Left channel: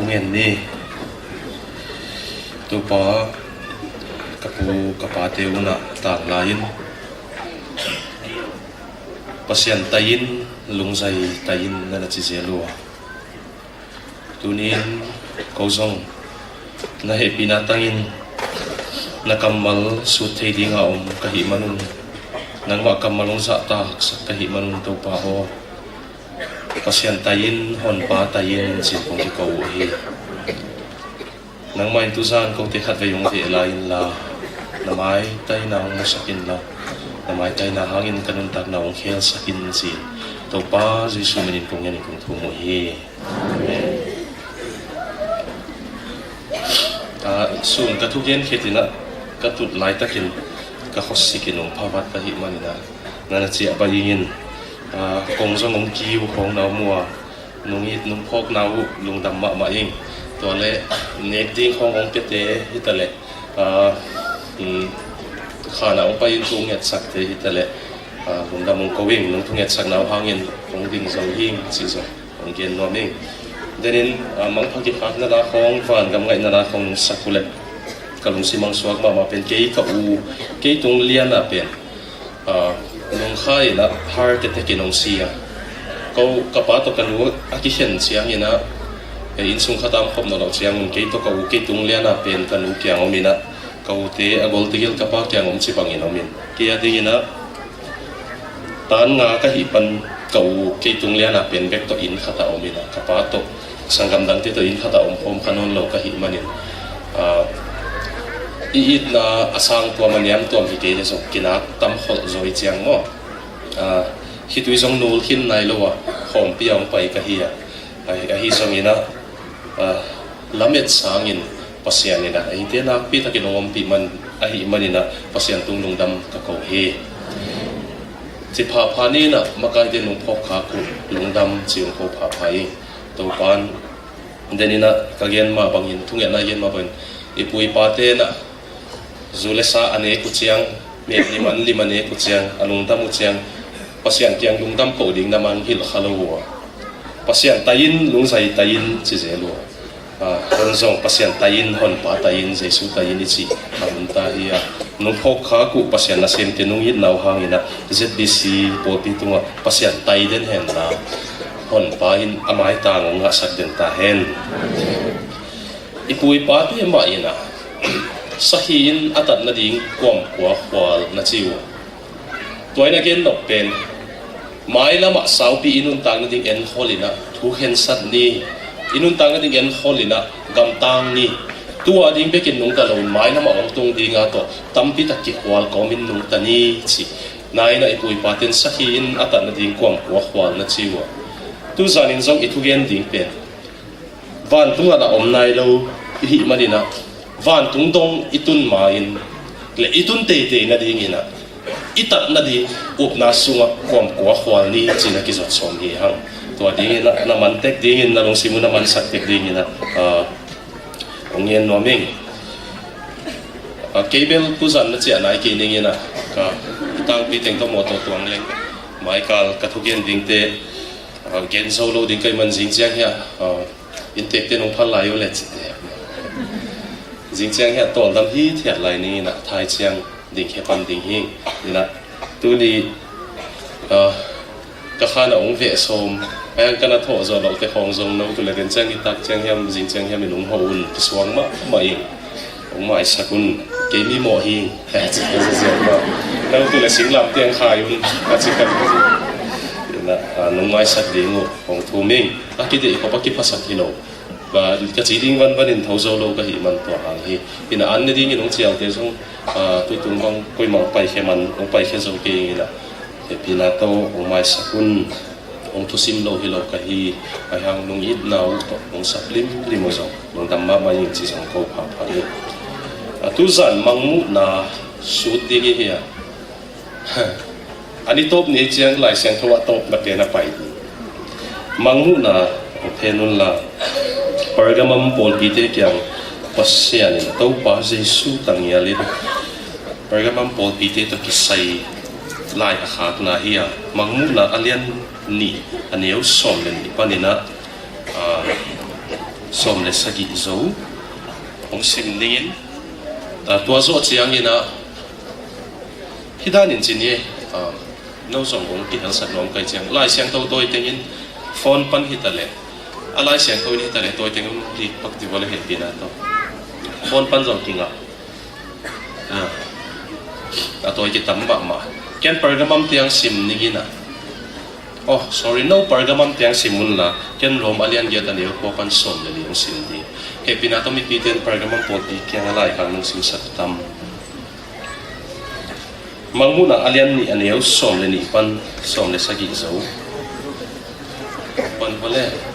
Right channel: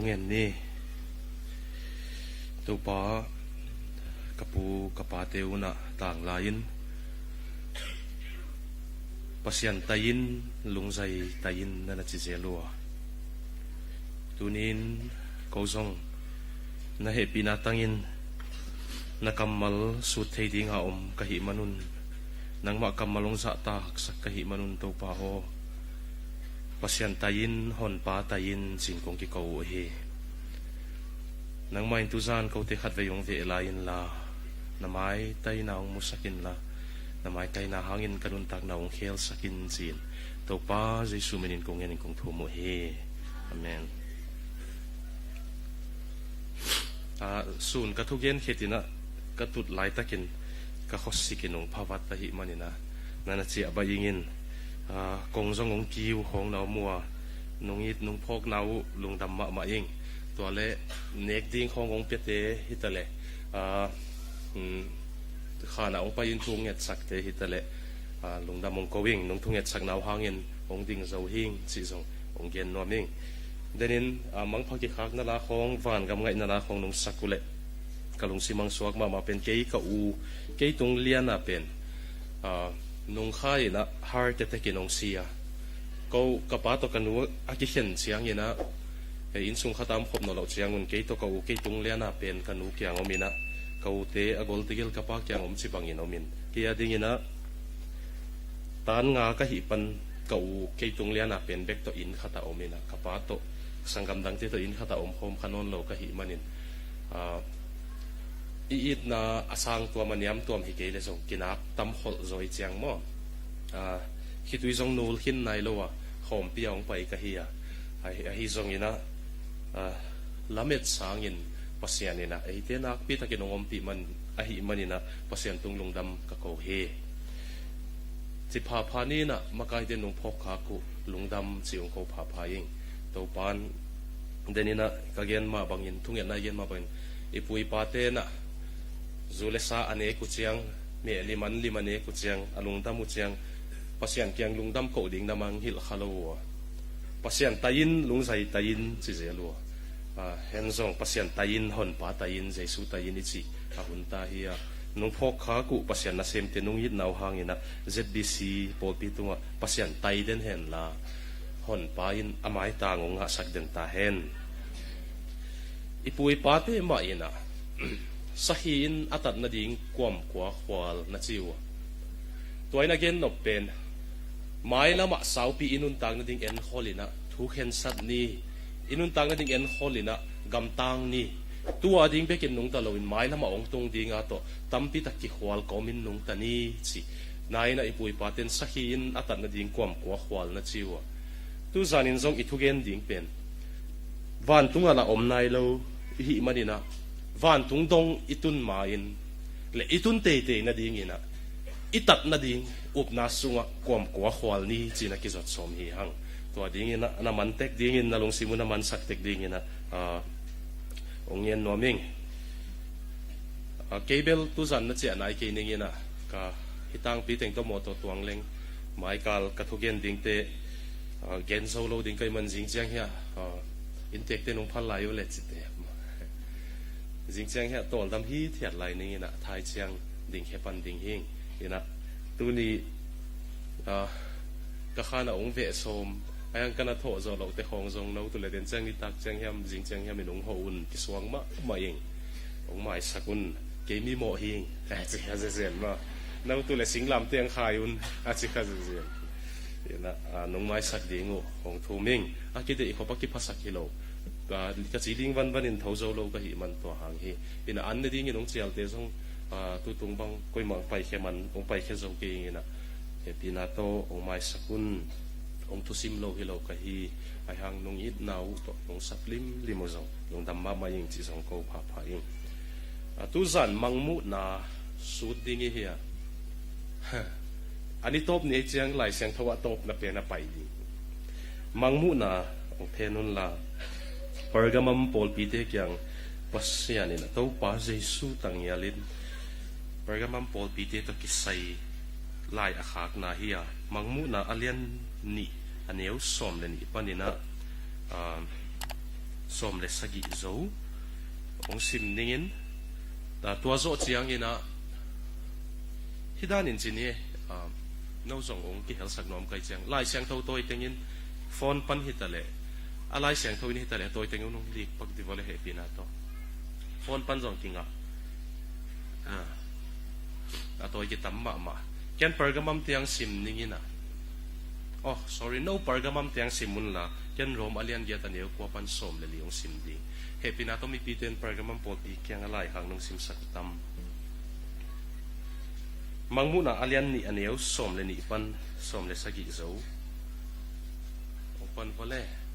ทุ่งเงินนี่ตัวปากระปูกระปาเทวนะตากลายินปัสยันตายินลุงใจตายินนั่นจิเจลัวตัวนี้เขาส่งna he pinatangin na kamal suot hindi nga kahimanon nang makamalong sa tak sa kahimanon to pa ho pasyantayin hon patayin si kung ikaw nang maintusan kung tikat kayong hilayin la na may tayo na ang masakin la na may tayo na hangin kanuntag na ang hiyal sakin si to pa si sumanin kong yan kung tumuhi amen. Soon katugen kitina katut lai takin kahosikin ng pabat kahiman na nanasiya bayingin kung sa mong kiw kung na mua nung it nung pok na lung damma maing tole nekting kong ong pete itale khana ong payin tunget sakte itale kung damong kawing nung tunget sak na hangin kung ding zawing siso ang gen noming Ganin, mangpagkipag na akong fan, gamay na akong sakulat. Kalong si Mang Suwag mamapin, kay itong liyan napin. Nung kaya na, heart attack inong siya. Kau kapato kanuot, akisyan siya ina. Insong katamkop na lang siya, kay itong liyan napin, kanuot kiyang umina. Kau te, agol tigil kapak kiyang umsipang inomin. Kaya di ina, taan nga kahipan, kau kay itong liyan napin, vekto in kata umina, kapato. Sanggam tito in kata kanon lo kahimanin iit na asang tua maniam tuam hikay so kinatam hol zoi chiang mo hitui song nul kin nai lo hom piang pai kahiya ai ahi songina lamet sangin pasyan nila ai te na pi ta kinom pi man ahi manina pasyan tunglung dam kakau he si pha ni na makai de nung phok kha ku lungdam chiung ko pha phai topan denina kagen ma bangin tungen na yen ma ban ipui pate na zulesa ane kuchiang liman ne kuchiang anung tam kuchiang pasyan tiang lung tam ko ding naman hil khalo pasyan tayin lung sai tayin si zelo konsong pasyan tayin hon pa tayin jesu tayin ichi arunta hiya nung phok kha ku pasyan na sem tinung hit naw hangina zbc poti tunga pasyan taiden hen na hon pahin amay tangong nga sa dentahen. Ipui pa di maina sahin atat na ding kwam kwal na siwa. Tuay na gen pen may lama saubi inuntang ding en holina tuhen sat ni inuntang ding en holina gamtang ni tuwa ding bekin nung talon may na maong ding ato tampi takikwal komin nung tani si nai na ipui patin sahin atat na ding kwam kwal na siwa. Tu zanin zong itu gen ding pen van tu na om nai lo hi marina van tung dong itun main le itun te na ding ina itat na di up na sunga kwam kwa khwal ni china ki zot som hi hang to ding ina na mantek ding ina long simu na man saktek ding ina ong yen no ming cable tu zan na che nai ki ding ina ka tang pi teng to mo to tuang leng mai kal ka thu gen ding te gen solo din kay man jing chiang ya intek te nong phal lai yo le chi jing chiang ya ton dam hi thiat lai ni na thai chiang ding he pan ding hi na tu di ka khana ong ve som ang kana tho zo lo te khong zong no tu le den chang itak chiang yam jing chiang yam nong ho un suang ma mai ong mai sakun ke mi mo hi ha chi ko zo ma na tu le sing lam tiang khai un ka chi kan nung mai sat ding hong thu ming akide ko pakipasak hilo ba ka chi ding van in tho zo lo ka hi man to hang hi ina an ne ding nong chiang te song tu tung bang koi mang pai khe man ong pai khe zo ke ina he pina to ong mai sakun ong tu sim lo hilo ka hi ai hang nong it nau to ong saplim limo zo nong damma ma yin chi sang ko pha pha ni tu zan mangmu na su ding hi ya ani top ni chiang lai siang thowa top na ke na pai mangmu na ophenun la pergamam pol bite kyang pasya ni to pa jesu tang ya li pergamam pol bite to kisai lai khat na hiya mangmu na alian ni aneu som len ni panina som le sagi zo ong sim ningin tua zo chiang ina hidan in chinie no song ong ki han sat long kai chiang lai siang to toi tengin phone pan hitale alai siang to ni hitale toi tengum di pakti wala he pina to phone pan zo kinga atoi ki tamba ma ken pergamam tiang sim ningina oh sorry no pergamam tiang simun la ten rom alian get ani ko kan som le liang sim di e pina to mi piten pergamam pot di kyang alai kan nung sim sat tam mangmuna alian ni ani au som le ni pan som le sagi zo pan wale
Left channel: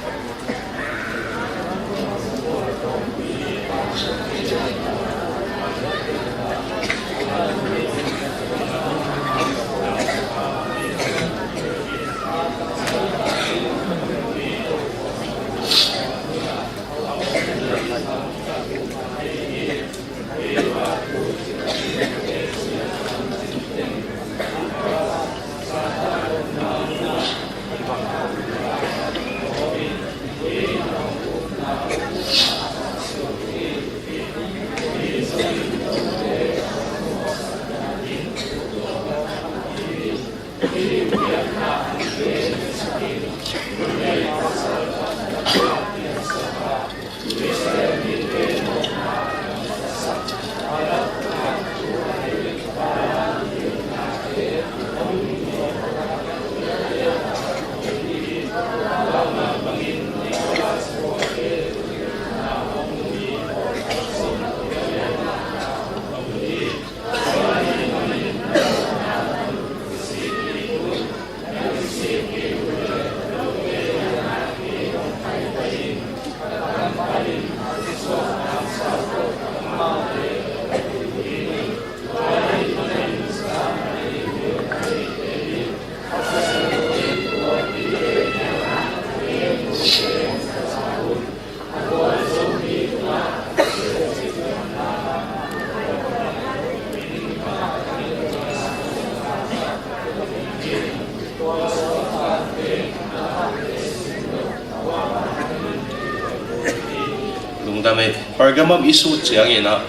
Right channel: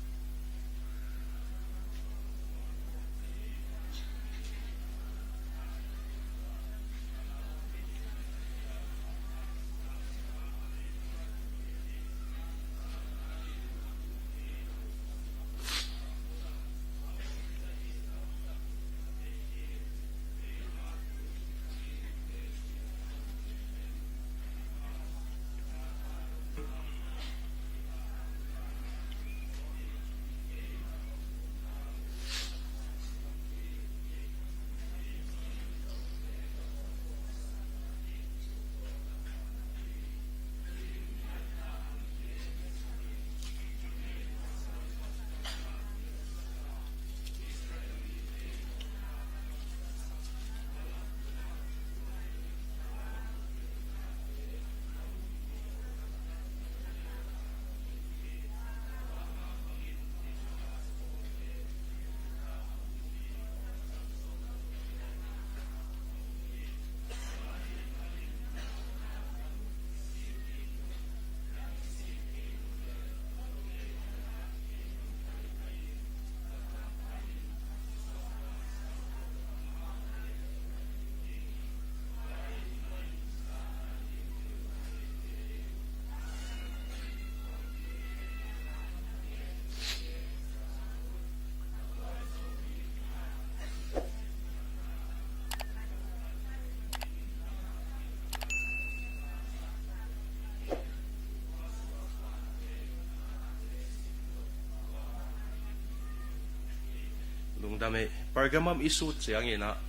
pergamam isu chiang ina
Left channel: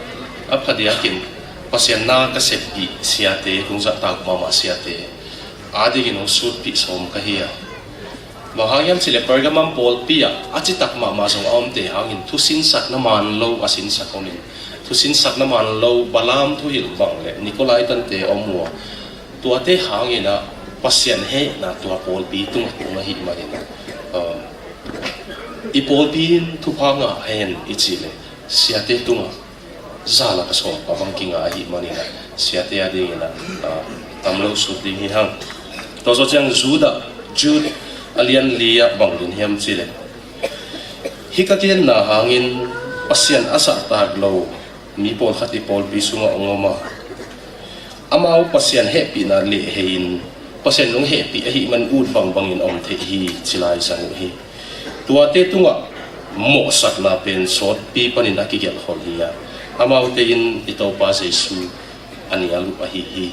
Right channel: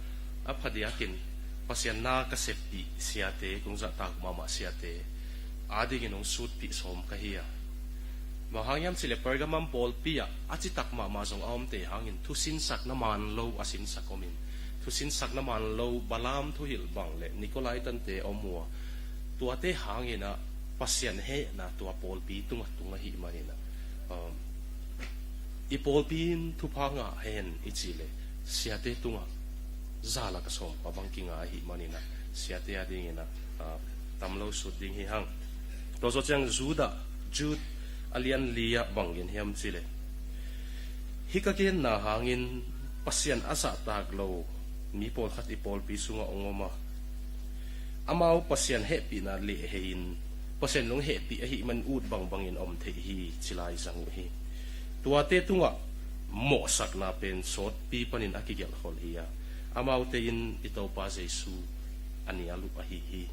aphadiakin pasien na ka sepi siate kung sa tag mama siate adi gino sut pi som kahia mahangyam sile pergamam pol pia achitak mama song omte hangin thusin sak naman lo asin sakonin thusin sak naman lo balam thu hil wang le nikolai tante omwa tuate hangina pasien he na tua pol pi tung tunga hi manina ipol pin thu phanga hen ichile siate tunga zala ka so ka bangkinga hi manina siate adi na tamlo su ding hi hang to so chang juda jud alian lia banglin hem chile hikatien na hangin pasien asa taglo mi pol khati pol bi sunga ongoma amau pasien happy na le hein pasien nung happy hi man ud bang bangin om the hi chilai sang hi tua te tunga mo sak na pen sot pi panin akigel holia amau te in ito pa se su ani alu hi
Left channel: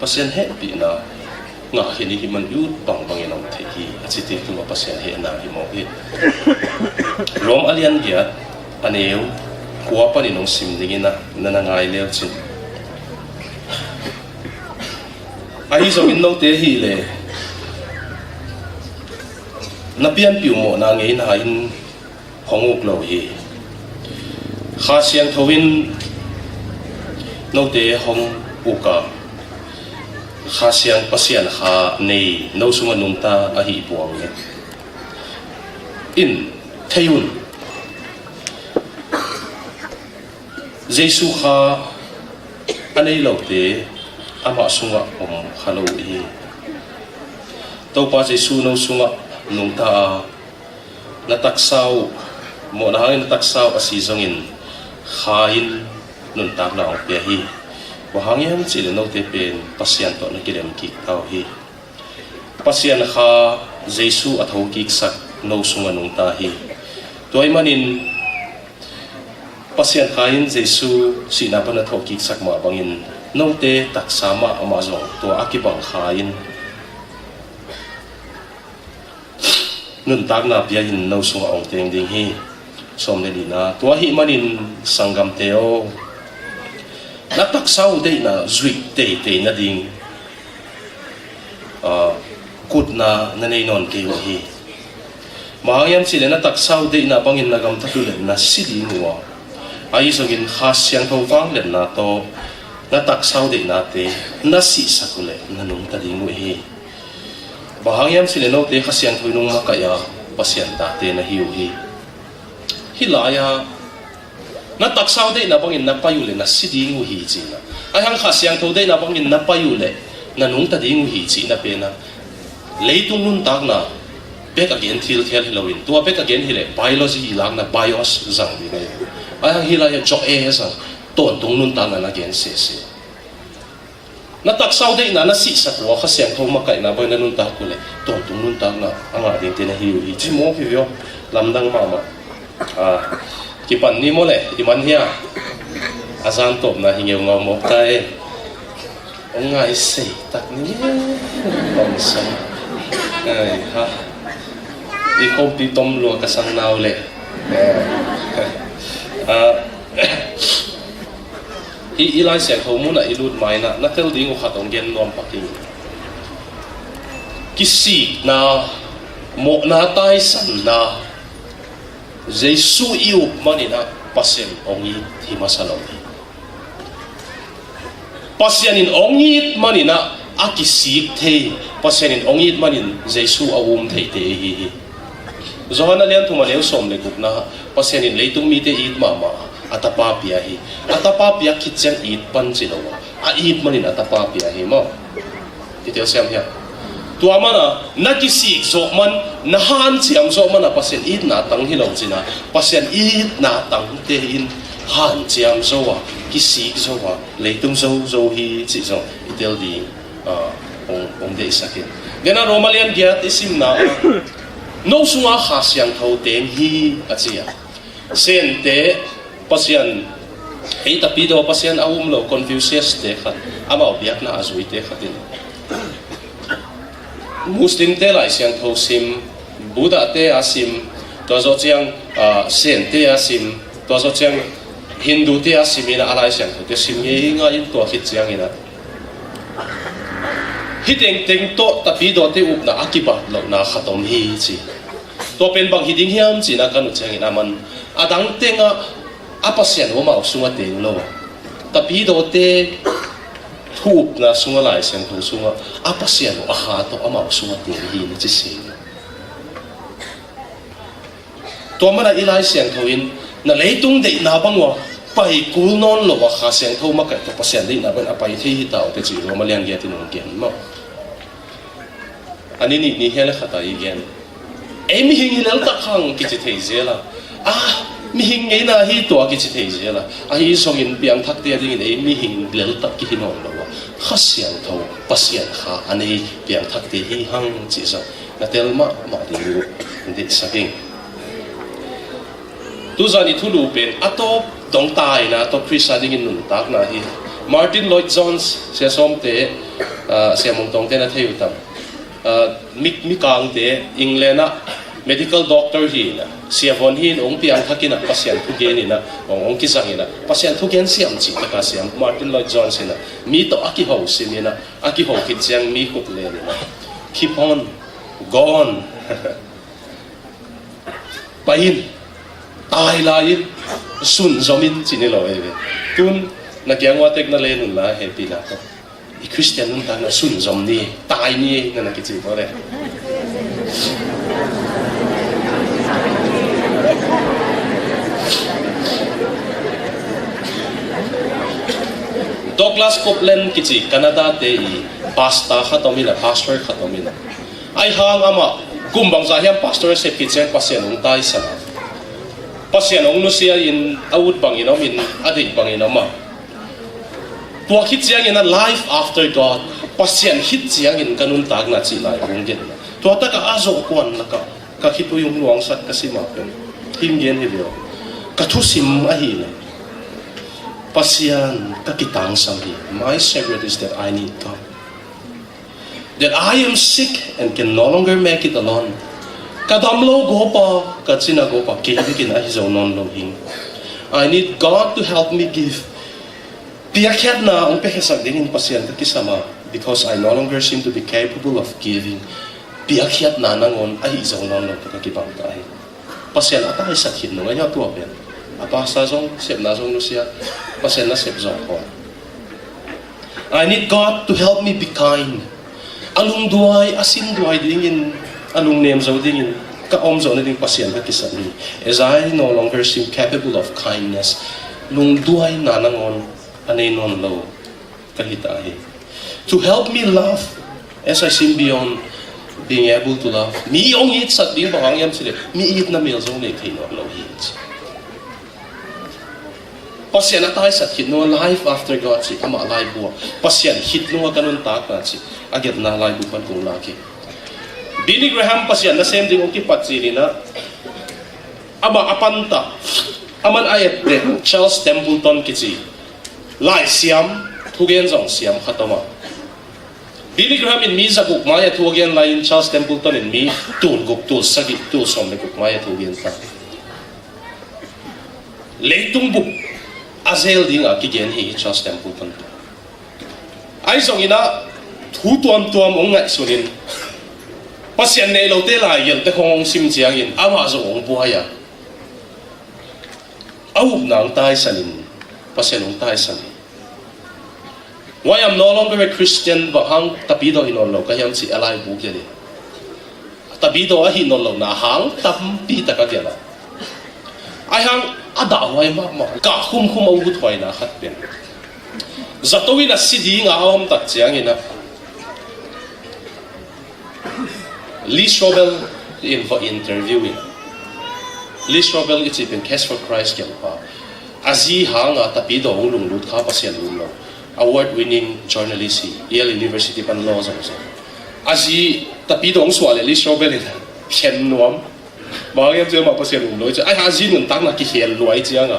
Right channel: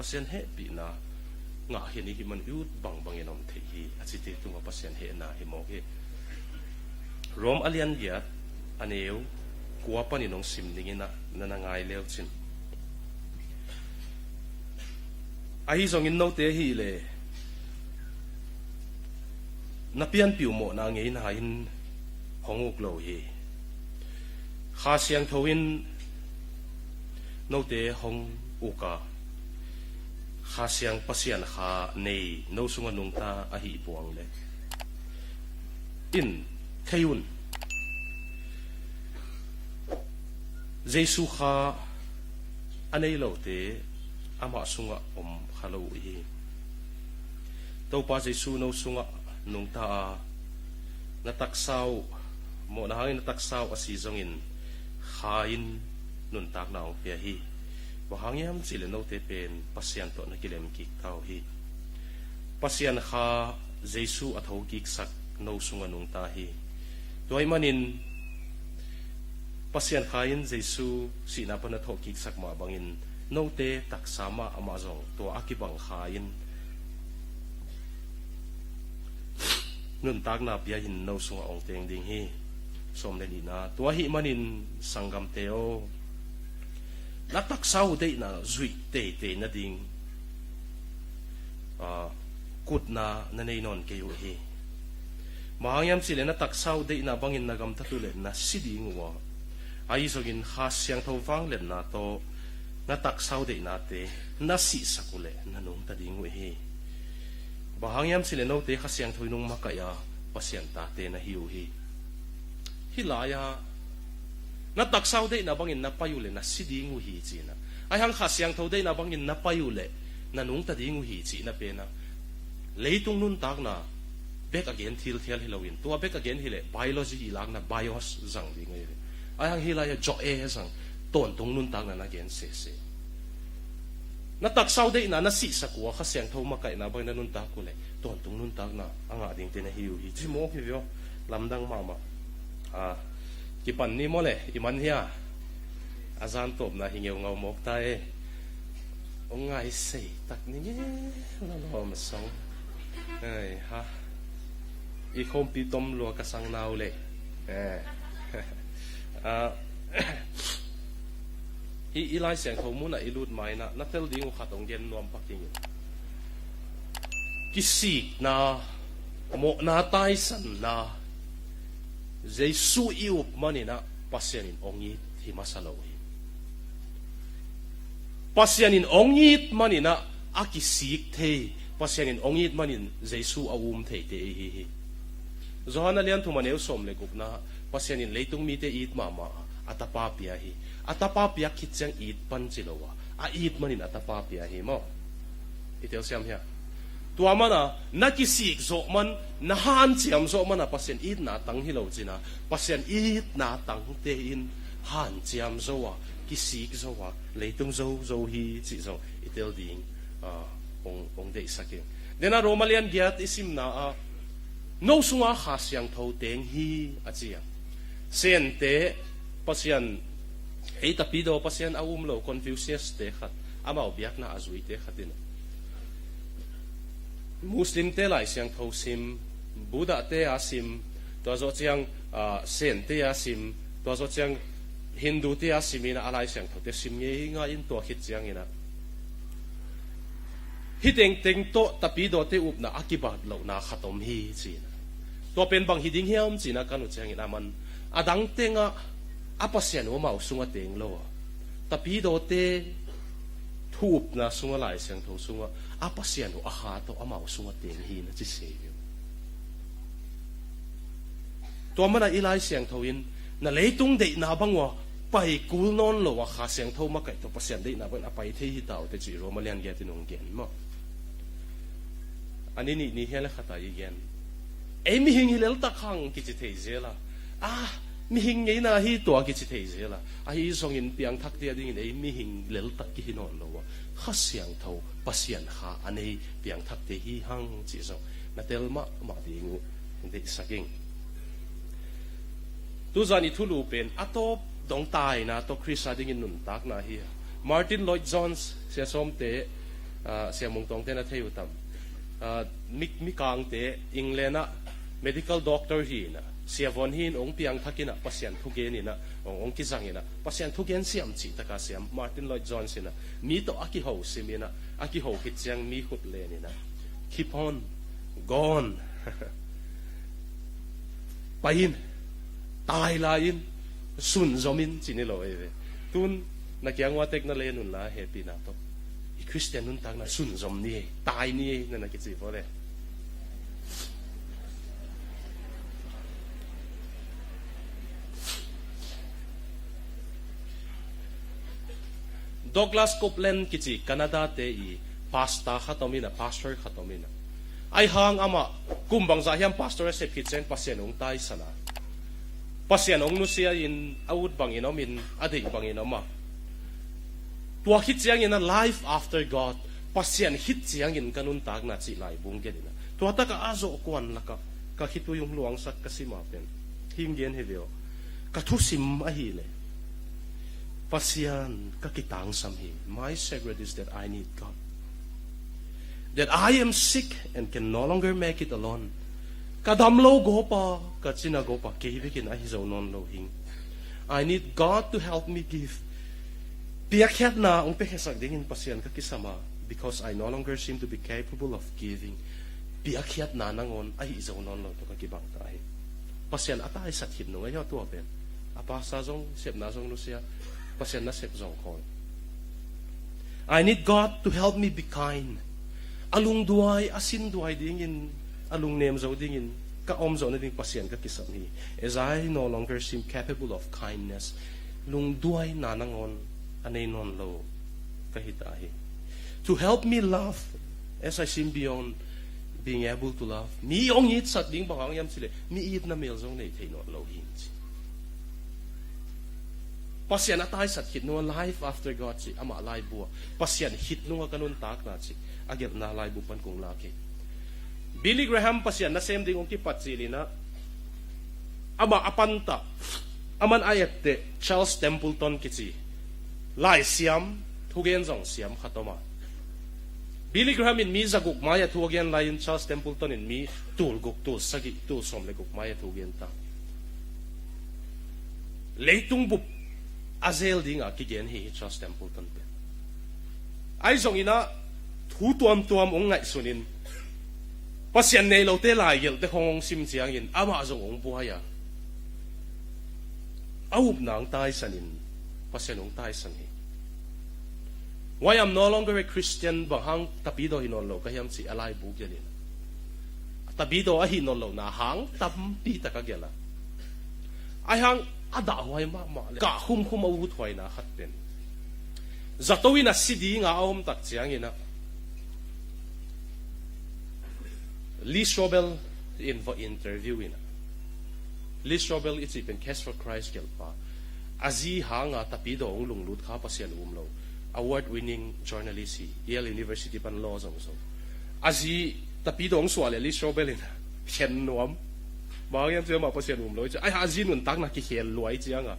pasien happy na nga hini himan ud bang bangin om the hi achite tunga pasien he na hi mo hi rom alian dia aneu kuwa panin nong sim dingina nanangai leo chin ai zo min lo te hi le na pian piu mo na ngei na in honguk lo hi kha siang thowin lo te hong uka kha siang pasian kha nei no sunga numta a hi buang le in thayun jesu kha anei lo te ama sunga khalo hi to pa jesu no sunga nung ta nataksaw mo na hangin nataksaw asizongin khain nun tak na ang piyahi wahangyan sila no tepen pasyan to na kilem kik tao hi pasyan kha jesu at hukik sak no sunga nung tahi toy manin pasyan khain jesu sinapan at hukik sak mabangin no te taksama amazong to akibang khain nun tak na piyahin no sunga ong teng ding hi som le dina tua hi manin sangam teo na tak sau de na zui te na ding kut na nei non ke hi mahayam sila na tak sau de na bangin nagam tatulen na siding wa ai sogin khasyang ko wang len na to na tak sau de na te na si sakule na nung tading hi mahayam sila no te khasyang ko nung makaya pasyan ta te na hiuhi hilaya na tak sau de na bangin na payule na siding hi chi na ai hang khasyang ko de na bangin na payule na nung tading hi chi na pe na leitung nun tak na back again til Halloween tua back again hile biology hilang na bios zang di na ay hilaya chok sang ton tung nun tan na again se na tak sau de na si sa tua kasi ang thong makai na boy na nun tak kule ton tung nun tan na ang ating tinahiu hi chi mo pivyo lamdang mama kipan ni mo le di man hiya asan top na hingaw nga mo tay ang nga isay tak ni bangsa ay ha di ko pitom lo kasang naule ilai siang thau muna ilut mai na tel ding u khatong gen nom paking kisi na mo na tai san na jesu iu manina pasen ongi thi masalong pasenin ongi manina akisi the pasenin ongi manin jesu awum the te hi Zohana lian tumaleo som le gupna pasenin leitung mi te it mama atapapia hi atapapia kitchen it panjilawa a it manin atapapia hi mo ito siam hiya tuama na nagisi zokman nahan siam zokman na pasen it na tang hilaw sina pasen it na tang tehin han siam zowa kisi zowa leitung zo hi si zo itel di ong de sakin dena romalian dia isim na no sunga khasyang thau tem hi achia sen te pasyan hei tapido pasyan awum lo confucius te khat ama biak na azui te khatin muslim te lai siang thau sim buddha te asim to zo chiang sen te asim to zo chiang hindu te asim ina alai siang te sim ye nga in to khit chiang ina hiteng teng to tapido te up na akiba lo na khatom hi chi to pen bang hiding hiam chi na kanu changin aman adang tenga apasyan wo mau sunga teng lo tapido te thup na sunga lai sen tu sunga apasyan wo aha to amau sunga teng hi ni chi si to mara ilai sen thoin na leitung de na bangwa pai kul non lo wa kha sen tho makai to pasyan de na ban apai thi tao te chi ro malian ge tin nong gen mo ani ni hele khata i gen mi hing hilal ta khang ki chi thei zela mi hing ei na hi to ki chi thei zela hi song in piang thak te ding ei mi hing lel ta ki hinon lo khasian tho pasyan kha ani piang thak te hi hang chi sa na tel ma di ndi saking tu za ni thu lu pen ato dong tai na to presiding in nun tak na hi Martin Lloyd Jones se som te se mong tong te na theu tam mi kang te England na medical doctor hi na siavon hin ong piang thakin na pasyan thu gen ina ong kisang ina pasyan thu gen siam chi ta siam Martin Lloyd Jones ina mi to aki ho sin ina aki ho kit siang mi kut le ina keep on gone pain ai lai sun zomin chini lo eve tun na kyangwa tek na le nun la happy na to i Christian nun ta na sun zom ni tai ni na ki chi pore Douglas Copeland kichi Canada te i pasta khatomina pastor khatomina ai hang ama kumbang sa hiam pastor se pitchen pasien ung tai sana pasien ung lusia in awut bangin min ading bangin ma wa khit chiang in a life after God pasien hit chiang in kanun tag na chi lai ung gen to ta ka azo kwan la ka khitu yung luang sat kasima pen him gen hi lo ka thu sim a hi le pasian kakitang sabi. My secret is that I need God. That I am sick and can no longer make it alone. Kadam lo go pa, katsina go pa, kaya bikin ay zo non lo hing. I need God to help me give. Biyakyat na ang pekesag dingin pasyente kisama because I no longer seem to be capable of giving. Biyakyat na nangon ay zo non lo kakibang tayo. Pasien at ay sakit no ngayon tuwa yan. Apa sa zong sep na zong no siya, pasien na sep zong ko. I need God to help me be kind. Alung duay, asin duay dingin, alung nem zo dingin, kaom zo na ding pasien ka kisami. As I no longer seem capable of kindness, lung duay na nangon, anay non lo, kahitahi. To help me love, as I seem beyond being able to love. Mi ong hit sa being bakang yam sila, mi hit na mil zong lekay no lo hit. Pasien na tayo sa hit no life after God si ama alive buwa. Pasien hit no ganun tak na si agad na alive buwan kung laki. Billy Graham pasien na same ding ukipat sili na aba apanta aman ayat de Charles Templeton kitsi lai siam tugen zong siam khatama. Billy Graham in mi sa gukmaya tugen lain Charles Templeton in mi tun guk tu sagi tu som ne gukmaya tugen ta. Leitung buk azel ding akigen hi Charles Templeton. Ai zong ina thu tuam tuam ong ngai sunin. Pasien ne lo te lai yel te hong sim jiang in awa zo ong buaya. Au nang tai sanin pasien ong tai sanin. Why I'm no longer a Christian but hang tabido hinolo kayam si alay bukeli. Tabido a hinolo na hang tampi takagela. Ay hang adaway mama kahum kumawut hoy na khatpen. Zatowi na sidi nga hawam tak siyang ina. Lee Strobel in for interviewing. Lee Strobel it's even Case for Christ kelpa. Azi hang tabido ulung lut ka pasien ulo. Award-winning journalist Yale University pan law sa asi tapi dong swale li Strobel ina ken nuam bagay at ma pasien ulo ay asi nun tang na ki hel luai chiang a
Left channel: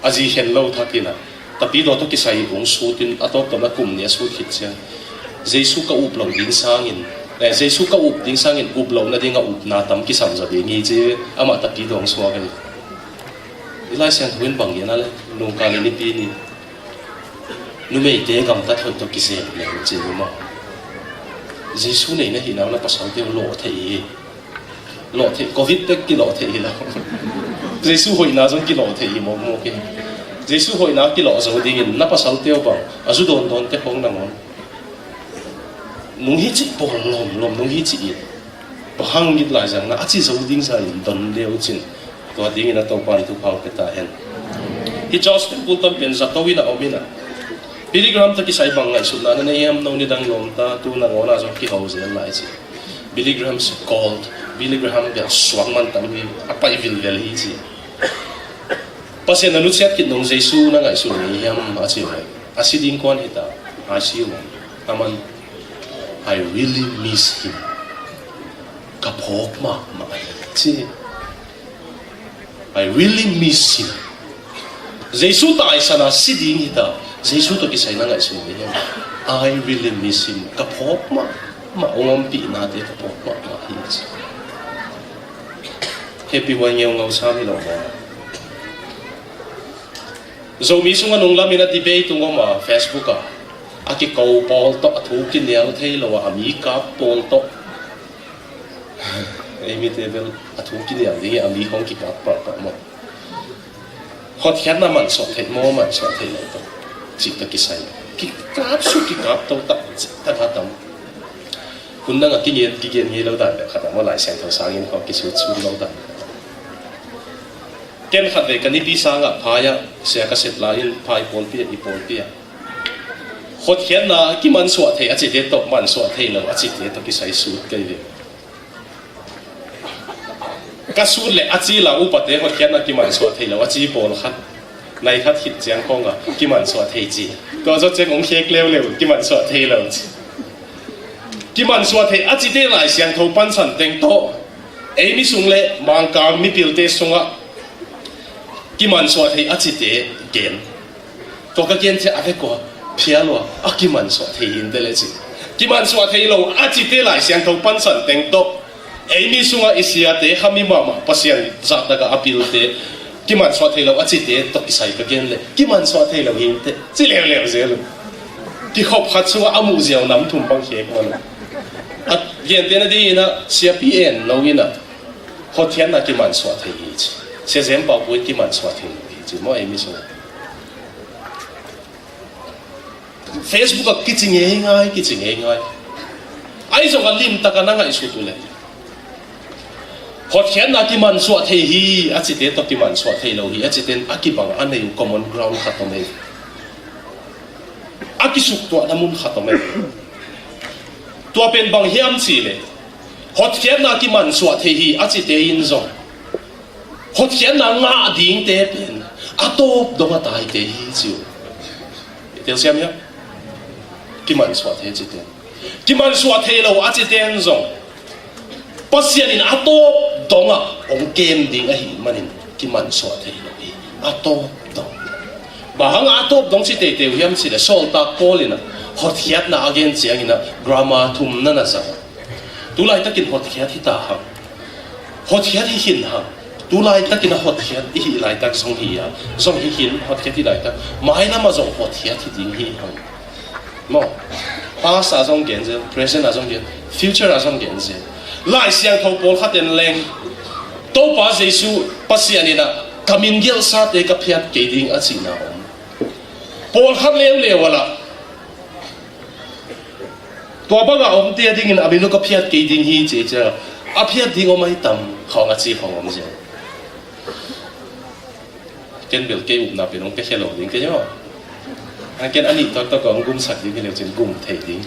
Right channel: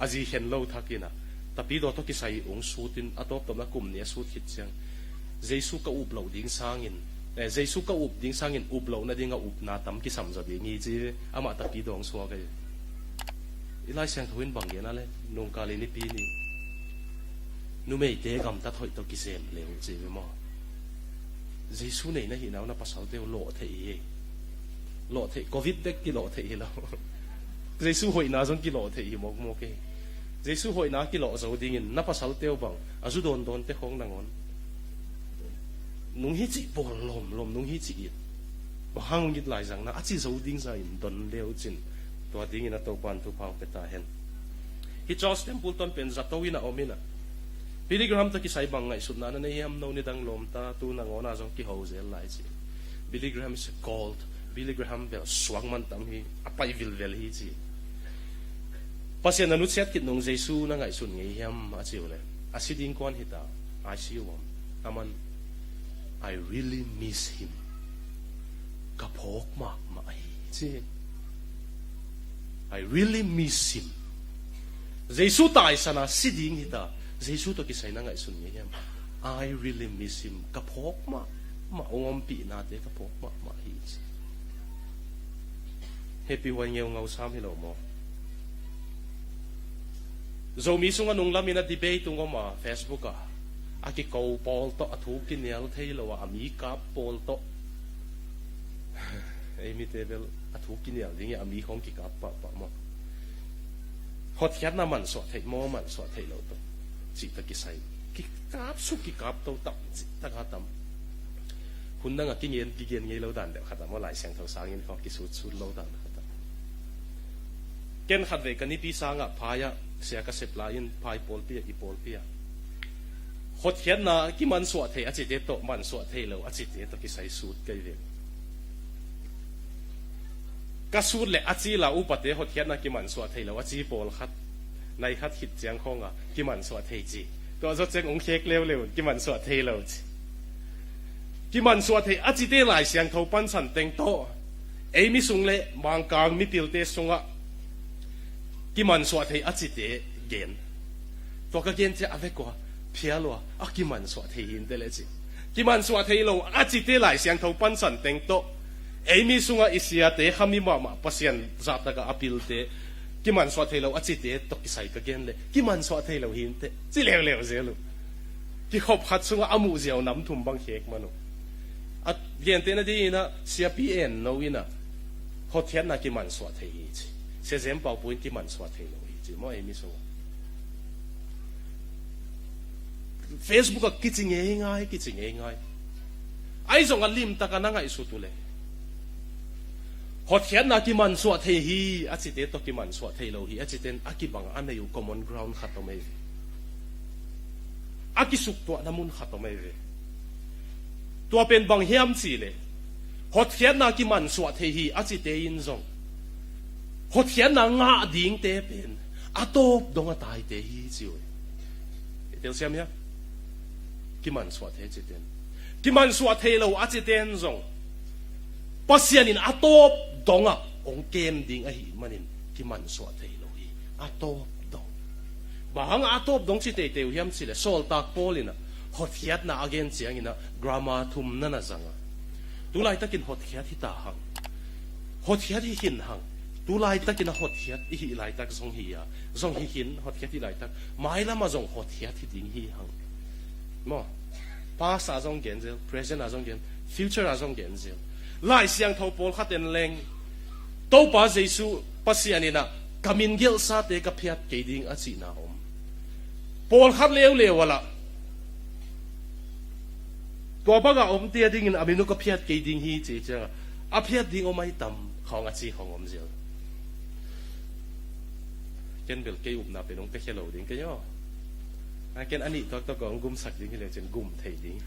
asi hello thakina tapi do to kisai bung sutin ato to na kum ne su khit sia jesu ka uplaw ding sangin jesu ka up ding sangin uplaw na ding a up na tam ki sam za be ngi je ama tapi dong swale ila sen win bang yana le nung ka ni pi ni numei te kam ta thon to kise le che ma jesu nei na hinaw na pasal te lo the covid te ki lo the la jesu hoi na zong ki lo the mo ke jesu hoi na ki lo zo ding na pasal te ba azu don te hong na ngon nung hi chi bo lom nung hi chi ba hang git la jang na a chi zo ding sa don leo chin ko ding na to pan tu phang pe ta hen i just put them in za to wi na omina. Billy Graham ta kisay bang ngai suna na nayam no ni dang lom ta tu na ngona zo ki hause lai chi. Billy Graham's called Billy Graham bel swang man tam ni apa evil vel hi chi. Pasien anu siat kin dong jesu na ngai su ni yam a chi lai. Asi ding kon hita a chi lo. Aman I really miss him. Kapok ma chi. I really miss him. Jesu ta isa na si ding hita. Jesu to kisay na nga isun niya. I really miss him. Kapok ma. Maungompi natin kapok ma. Happy one yung ngaw sa amin ako. So mismo nga nung lamin na debate tungo ma Facebook ka. Aki kau polto at hukin niya at hey lawa amika polto. Amy Tebel at hukin niya. Di ami kong kikapa pa mo. Hot yan naman so. Mo man so. Cita kisay kikap su kikap tau tak hatam kunna nga kingen ngelaw da kada mo lai sen to sangin ko kisu su law da ken khadve kani bi sanga phaya se ka set lain phai pon pi i pon pi khot ken na ki man so the a chi de to man so the lo a chi de to kisai su kai de ka su le a chi la u pa de khot ken na ki man so the lo a chi pon khat nay khát hít giang không à, cái màn xoa thấy gì, có cho cái mông khét leo leo, cái màn xoa thấy leo gì, cái màn xoa thấy, à chỉ để lại xem thâu ban sản tiếng to, ấy mi sung lệ mang cả mi biểu tế sung á, cái màn xoa thấy à chỉ để gen, có cái gen sẽ ăn hết quoi, phía lo, à cái màn xoa thấy hiện đây là gì, cái màn xoa thấy lo, à chỉ để lại xem thâu ban sản tiếng to, mi sunga isia te hami mama pasian za daga apil te ki man so thelo achi te to isai ka gen le ki man so thelo hin te chi le zel ki khop khat sunga amu ziaw nam thum bang khek man at yen te na di na sia pn lo ina ho thian na ki man so thei hi sia zem pa bu ki man so thei hi chi mo mi sunga Facebook ki chi nge ngai ai zo ga lim ta kana ngai su tu le Hot khen na ki man suat he hi achi te to ki man suat he lo hi achi ten aki bang anei common ground khatome aki suk to namun khatome to pen bang hiam chi le hot khen na ki man suat he hi achi te in zo hot khen na nga ding te pen atop do nga tai te hi chiu tel siam ya ki man suat he chi te ki man suat he lo achi ten zo pasian in atop donga om game ding a hi manin ki man so thei lo hi atop dong bahang atop dong si te te hiam si le sol ta kolina hot hiat na again chiang ina drama thum na na sa tu lai takin hot hiat hi ta ha hot hiat hi hin ha tu lai takin hot hiat hi lai tak song hi ya song hi hin hot hiat hi lai tak mai na ma zo hot hiat hi ding hi ha mo past a song gen je present a song gen future a song gen je lai siang thau pol khat en leng to ba jesu pasian ina kamin gel sa te ka phiat ke ding a chi na om pol khat em le wala to ba ga om te ding in amino ka phiat ke ding hi che cha a phiat ding o mai tam khong a chi khong om je ken bel ke up na pe nong ke khelo ding ke yo ha ken ani to to ko gum sak ding ke le chen gum thei ding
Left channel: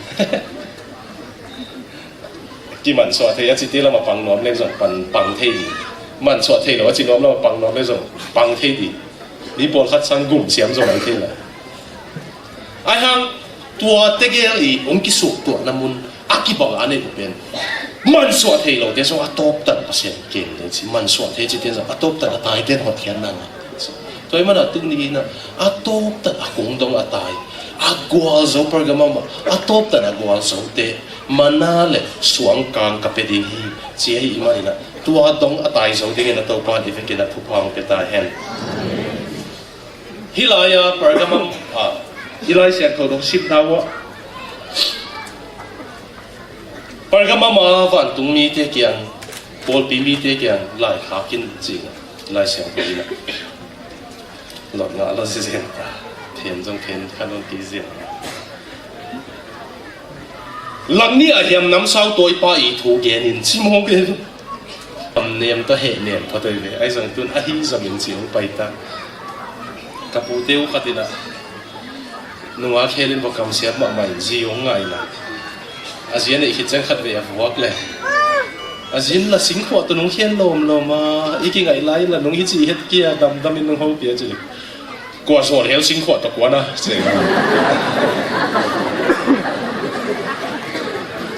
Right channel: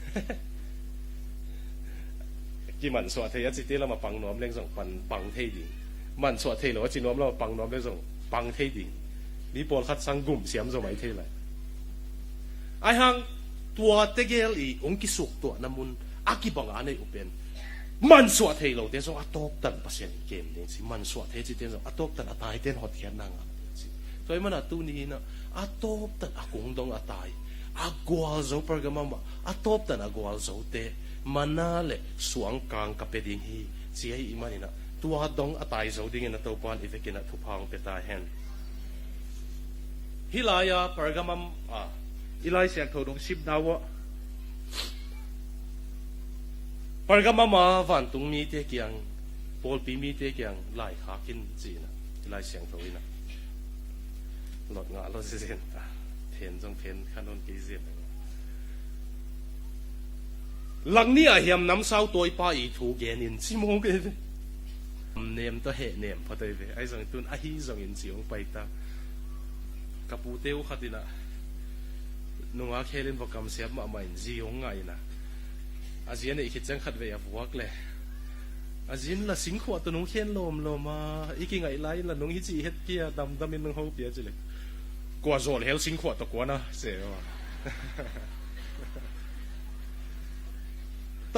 ที่มันสวดเทียสิที่เรามาปังน้อมเล่นส่งปังเทียมันสวดเทียหรือว่าจีน้อมเรามาปังน้อมเล่นส่งปังเทียดีนี่ปนคัดสังกุ่มเสียมส่งไอ้เทียละไอ้ฮังตัวเตเกลีองค์กิสุตัวน้ำมันอากิบังอันนี้เป็นมันสวดเทียเราเดี๋ยวส่งอัตโตตันเสียเก่งเลยสิมันสวดเทียจิตเดียวอัตโตตันตายเด่นหัวเทียนนั่งตัวมันอัตตึงนี้นะอัตโตตันคงต้องอัตตายagwal zo pergamama atop tan agwal zo te manale suang kang kapedi hi chia hi imarina tua dong atai zo ding na to pa ifeke na thupang ke ta hen hilaya pergamam hilai sia ko dong sip dawa pergamama van tung mi te kyang pol pi mi te kyang lai hakin jing lai sia ko ina lot nga la se sen thiền trong thiền khăn ôn tí diện lần ní lại hiểm nắm sau tôi ba ý thủ ghé nhìn chim hông kê niệm ta hệ niệm thật đời về ai rằng tuân ai giờ mình chỉ không bay ta cặp bù tiêu khát đi nè nung khe lên vào cầm xe mà mày gì ông ngày nè ASEAN này khi chẳng khát về phù hợp lệ ASEAN là sinh hoạt tụi nung khen lồm mà ý cái ngày lái là nung ý gì hết kia đâm in nung hậu bia chứ qua số theo sinh hoạt tập quán à,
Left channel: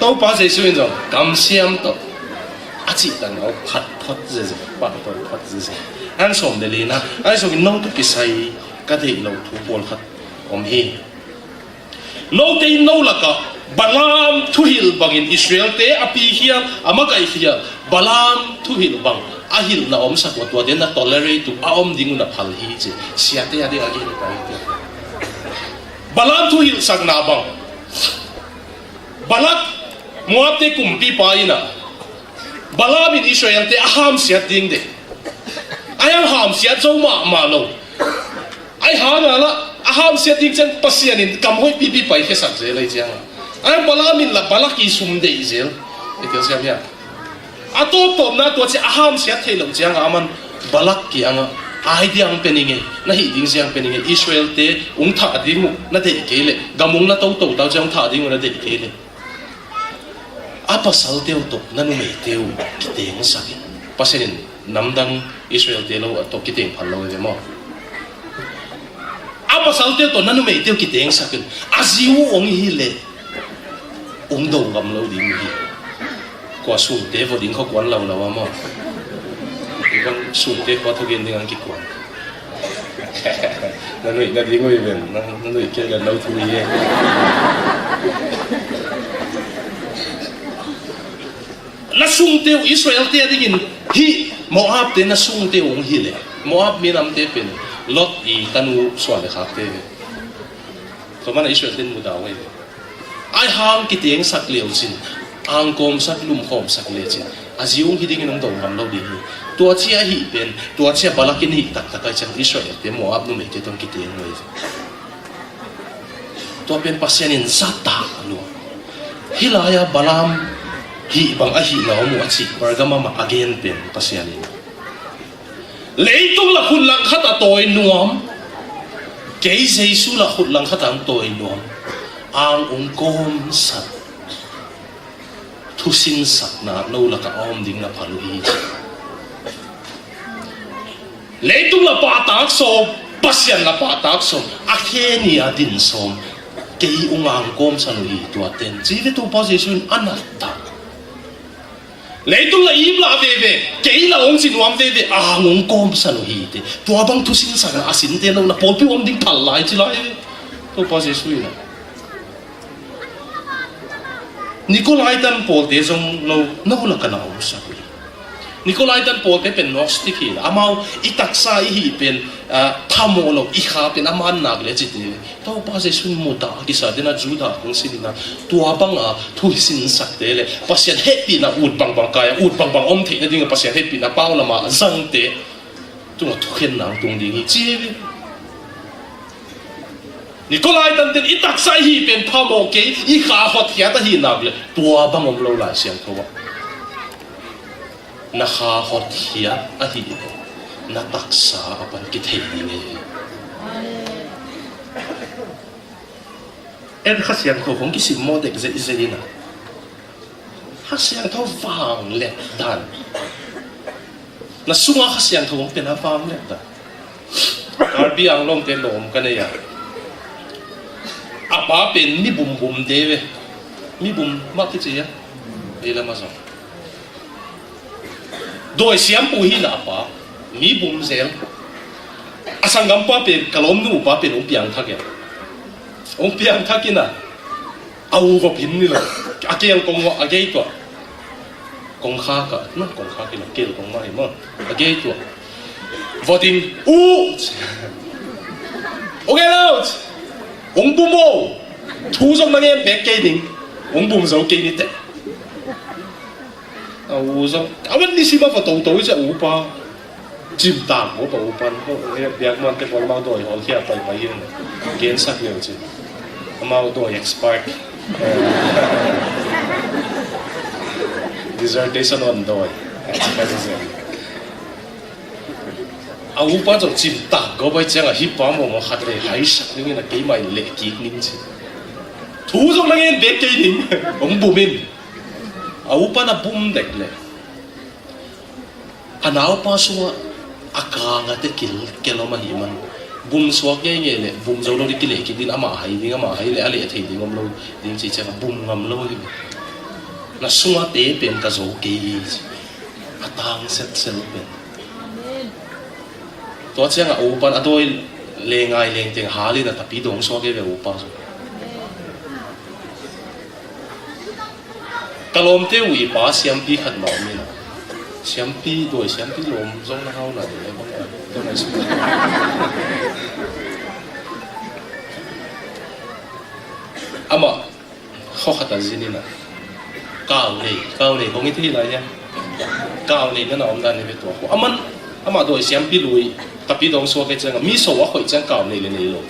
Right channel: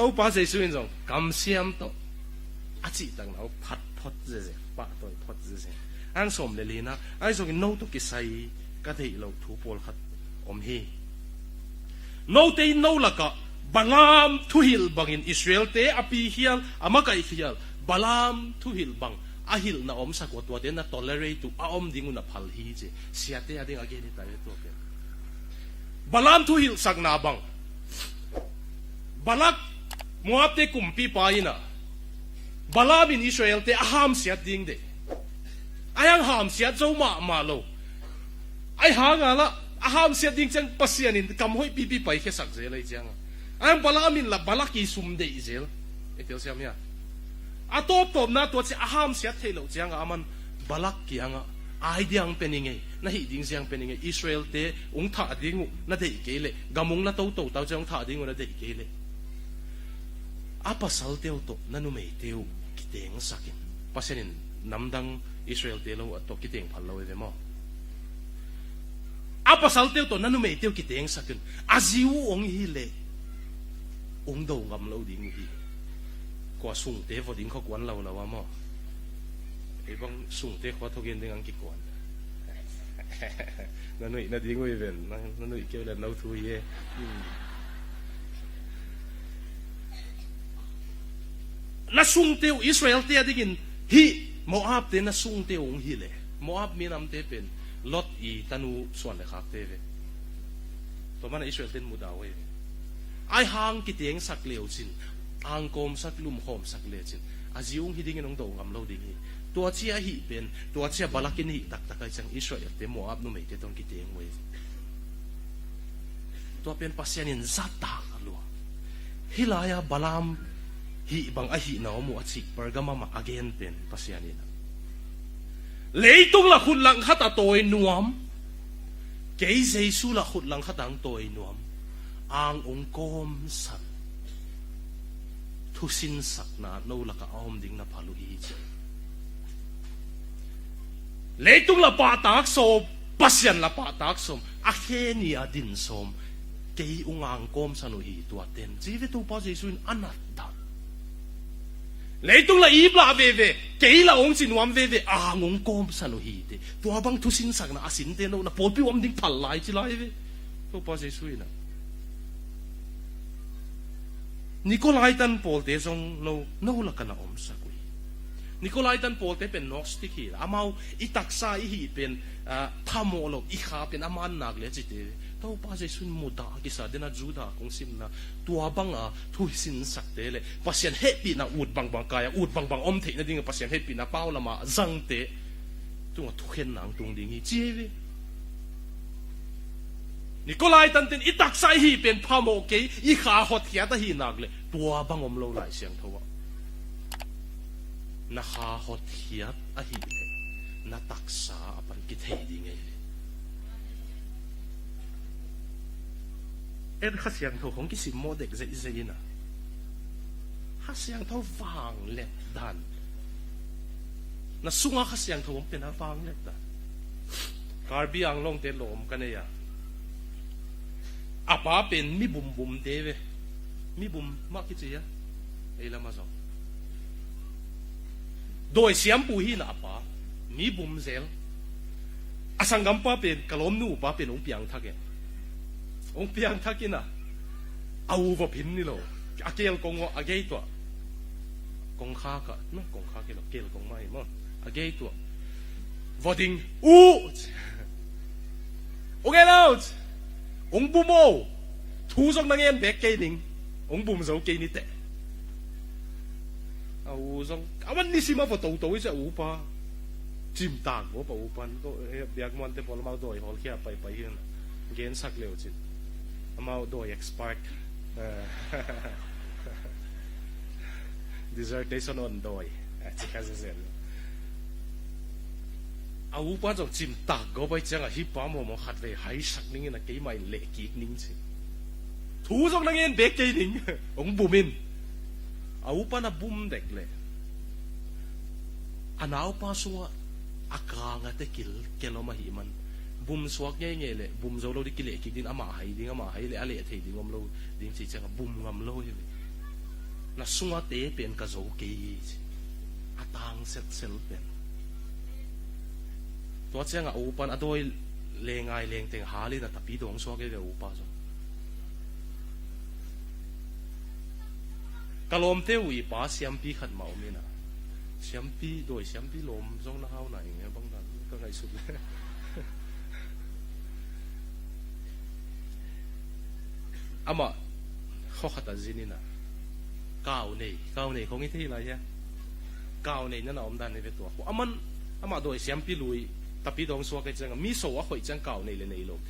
都把这属于种感想到，啊，只等我拍这些，拍这些，俺说的哩呐，俺说的弄都比赛，个的路途波克，我们嘿，路的弄那个。balam tuhil bangin Israel te api hiya amagai hiya balam tuhil bang ahil na om sa wat waden na tolerate tu aom dingu na phal hi che siate ade agi ni pai te balam tuhil sang na bang balak muate kumpi paina balam in Israel te aham siat ding de ayam ham siat zo ma lo ai ha na la aham siat ding chen pasianin kamhoi pipi pai ke sak je lai chang ai balamin la balak isum de izel itu siapa ya atau pom na tu si aham siat hello jang aman balak ki anga ai diang peninge na hi ding siang peninge Israel te ung tha dingu na de kele gamung na tau jang tha dingu na de kele apa sal teu to nanu me teu kiteng sakin pasenin namdang Israel te lo to kiteng phalo de mo apa sal teu to nanu me teu kiteng sakin asiu ong hi le ung đầu ngầm lâu đi đi qua xuống té vào đỉnh khó quán lâu lâu mà con xuống té qua thực hiện dengan kịch quán nó nuôi nó đi ngồi về nó nuôi kia là lâu thu đi nó sung teo Israel te dingin hi Moab te na sung teo ong hi le Moab minam te pen Lot I kanu swal khak te to mana Israel ten mu dawe ai hang ki teng sak leo chin ang kom sak lum khom sak le chin aziung hi dingin ong dong ngam lo ding tua chia hi pen tua chia balakin hi tak tak chan Israel te Moab nu me te tong ki teng we tua pen pasyanin sata lu hilaya balam hi bang ahi na mu achi wargama ma again pen pasyanin leitong la khun lang khata toy nuam kei jesu la khun lang khatang toy nuam ang ongkom sat thusin sak na no la ka om ding na palu hi leitong la patak som pasyan la patak som akheni adin som kei ungang kom sanu hi tuaten jive to pa jesu anatta leitong na ima bebe kei la ong sinuam bebe angong kom sanu hi te tua bang thusin sak na asin te no na polpi om ding palai chilai to pa jesu ina Nikolai dan Paul te jong no la kana om sak Nikolai dan Paul ke pen gnostic hi amau itaksa hi pen thamo lo I kha pen aman nak le chiti to pa se sun mo ta ki sa dena juda kung silina tua bang a thu sin sak te le pasien happy na ut bang kaya ut bang om the ding pasien happy na paw na ma zang te tu thu khen nang tung ding chi Nikolai dan den itaksa hi pen thamo ke I kha hot ya ta hi nak le tua bang om lo la siam ko nakahot hiya ahi nataksa apan kitay ni en khasian ko kong kisim mo dek ze na khasian to vang le dan na sunga khasian to kong pena vang le dan karbi ang long te lom kanaya apa pen mi bum bum dewe mi bum makiti ya ila maso doi siam pu hi la pa mi bum sel asang gam pa pe kalom nu pa pe ong piang thakina au go pin ni la akiang kong wa agei to kong kha ka na kong kha ki la kel kong mai mo agei to voting u okay out ong bu mo thu song na yen pe ke ding ong bum zo ke ni te 우선 아버님 심한 거 도도 이제 우파 집 땅 오빠 우파 내가 대학만 때 벌마도 어디야 빨리 봐야 괜찮게지 아마도 expert dissertation on doy 아 우파 좀집 땅 거기 제가 힙합 뭐 하더래 하이샤 여기는 게임이 레기닝지 도저히 내 게임 엉보민 Aupa na bum dek le. Anao pa suwa akanga te kelo mahiman. Bum suwa ke nge le bum zo lo di kile ki din ama hai le ale thei ding om lo ding chi cha bum ngam lo hi. Na suwa te pen ka zo ke yi. Atang set sel pen. To cha nga aupa atoi le ngai leng teng hali na tapi dong suwa ke ve aupa. Kalom te ui pa siam pi khat ma mina siam pi doi siam pi lom zong na hau na de bang to na su ama kho khata zinina kaw nei ko ngi ti la ya kaw nei na om dan ni to ko ama doi siam pi lui ka pi dong so ke chang mi so wa khoi chang kaw nei le nei lo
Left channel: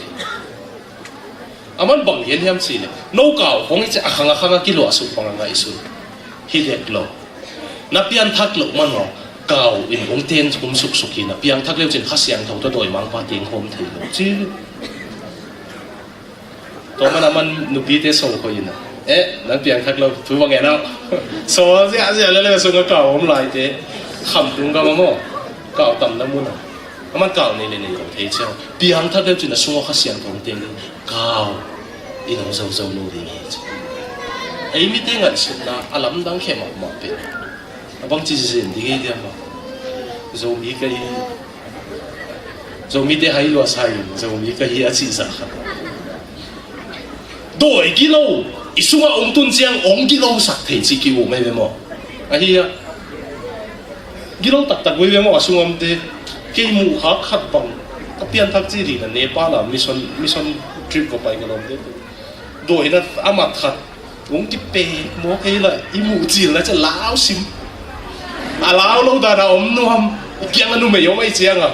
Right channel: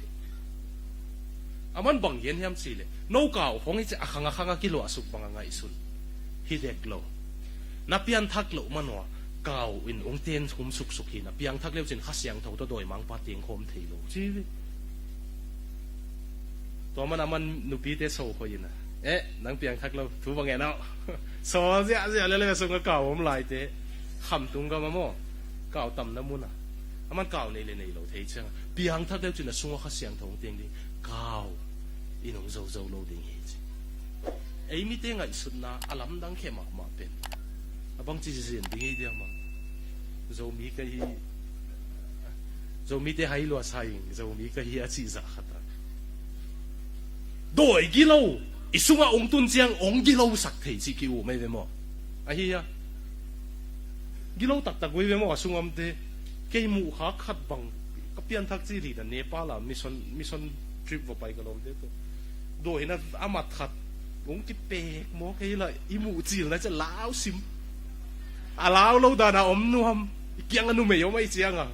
aman bang yen ham si le no kaw kong i akhanga kilo asu pang nga isu hilek lo na pian thak lo man lo kaw in ong ten kum suk suki na piang thak leu chin khasiang tho to doi mang pa ting hom thei lo chi to man nu bi te so ko ina na piang thak lo thu wa nge na so ja le so nga kaw om lai te kham tung ga mo kaw tam na mu na aman kaw nei le nei lo thei chang piang thak leu chin na sunga khasiang thong teng kaw inong zo lo ding hi ai mi te ngat sin na alam dang khe ma pe abang chi sin ding dia ma zo mi te hai lo sai zo mi ka hi a chi sa kha doi gi lo isuma ong tun chiang ong gi lo sak thei chi ki wo me mo a hi gilong tak we mo asungam te ke mu ha khat bang kapian thak chi ri na Nepal la mission trip ko pai ngalom te do hina amat khat wong ti pe mo ke la i mu chi la cha lao sim a lao lo da ra om nuam kiang anu me yong ai chiang a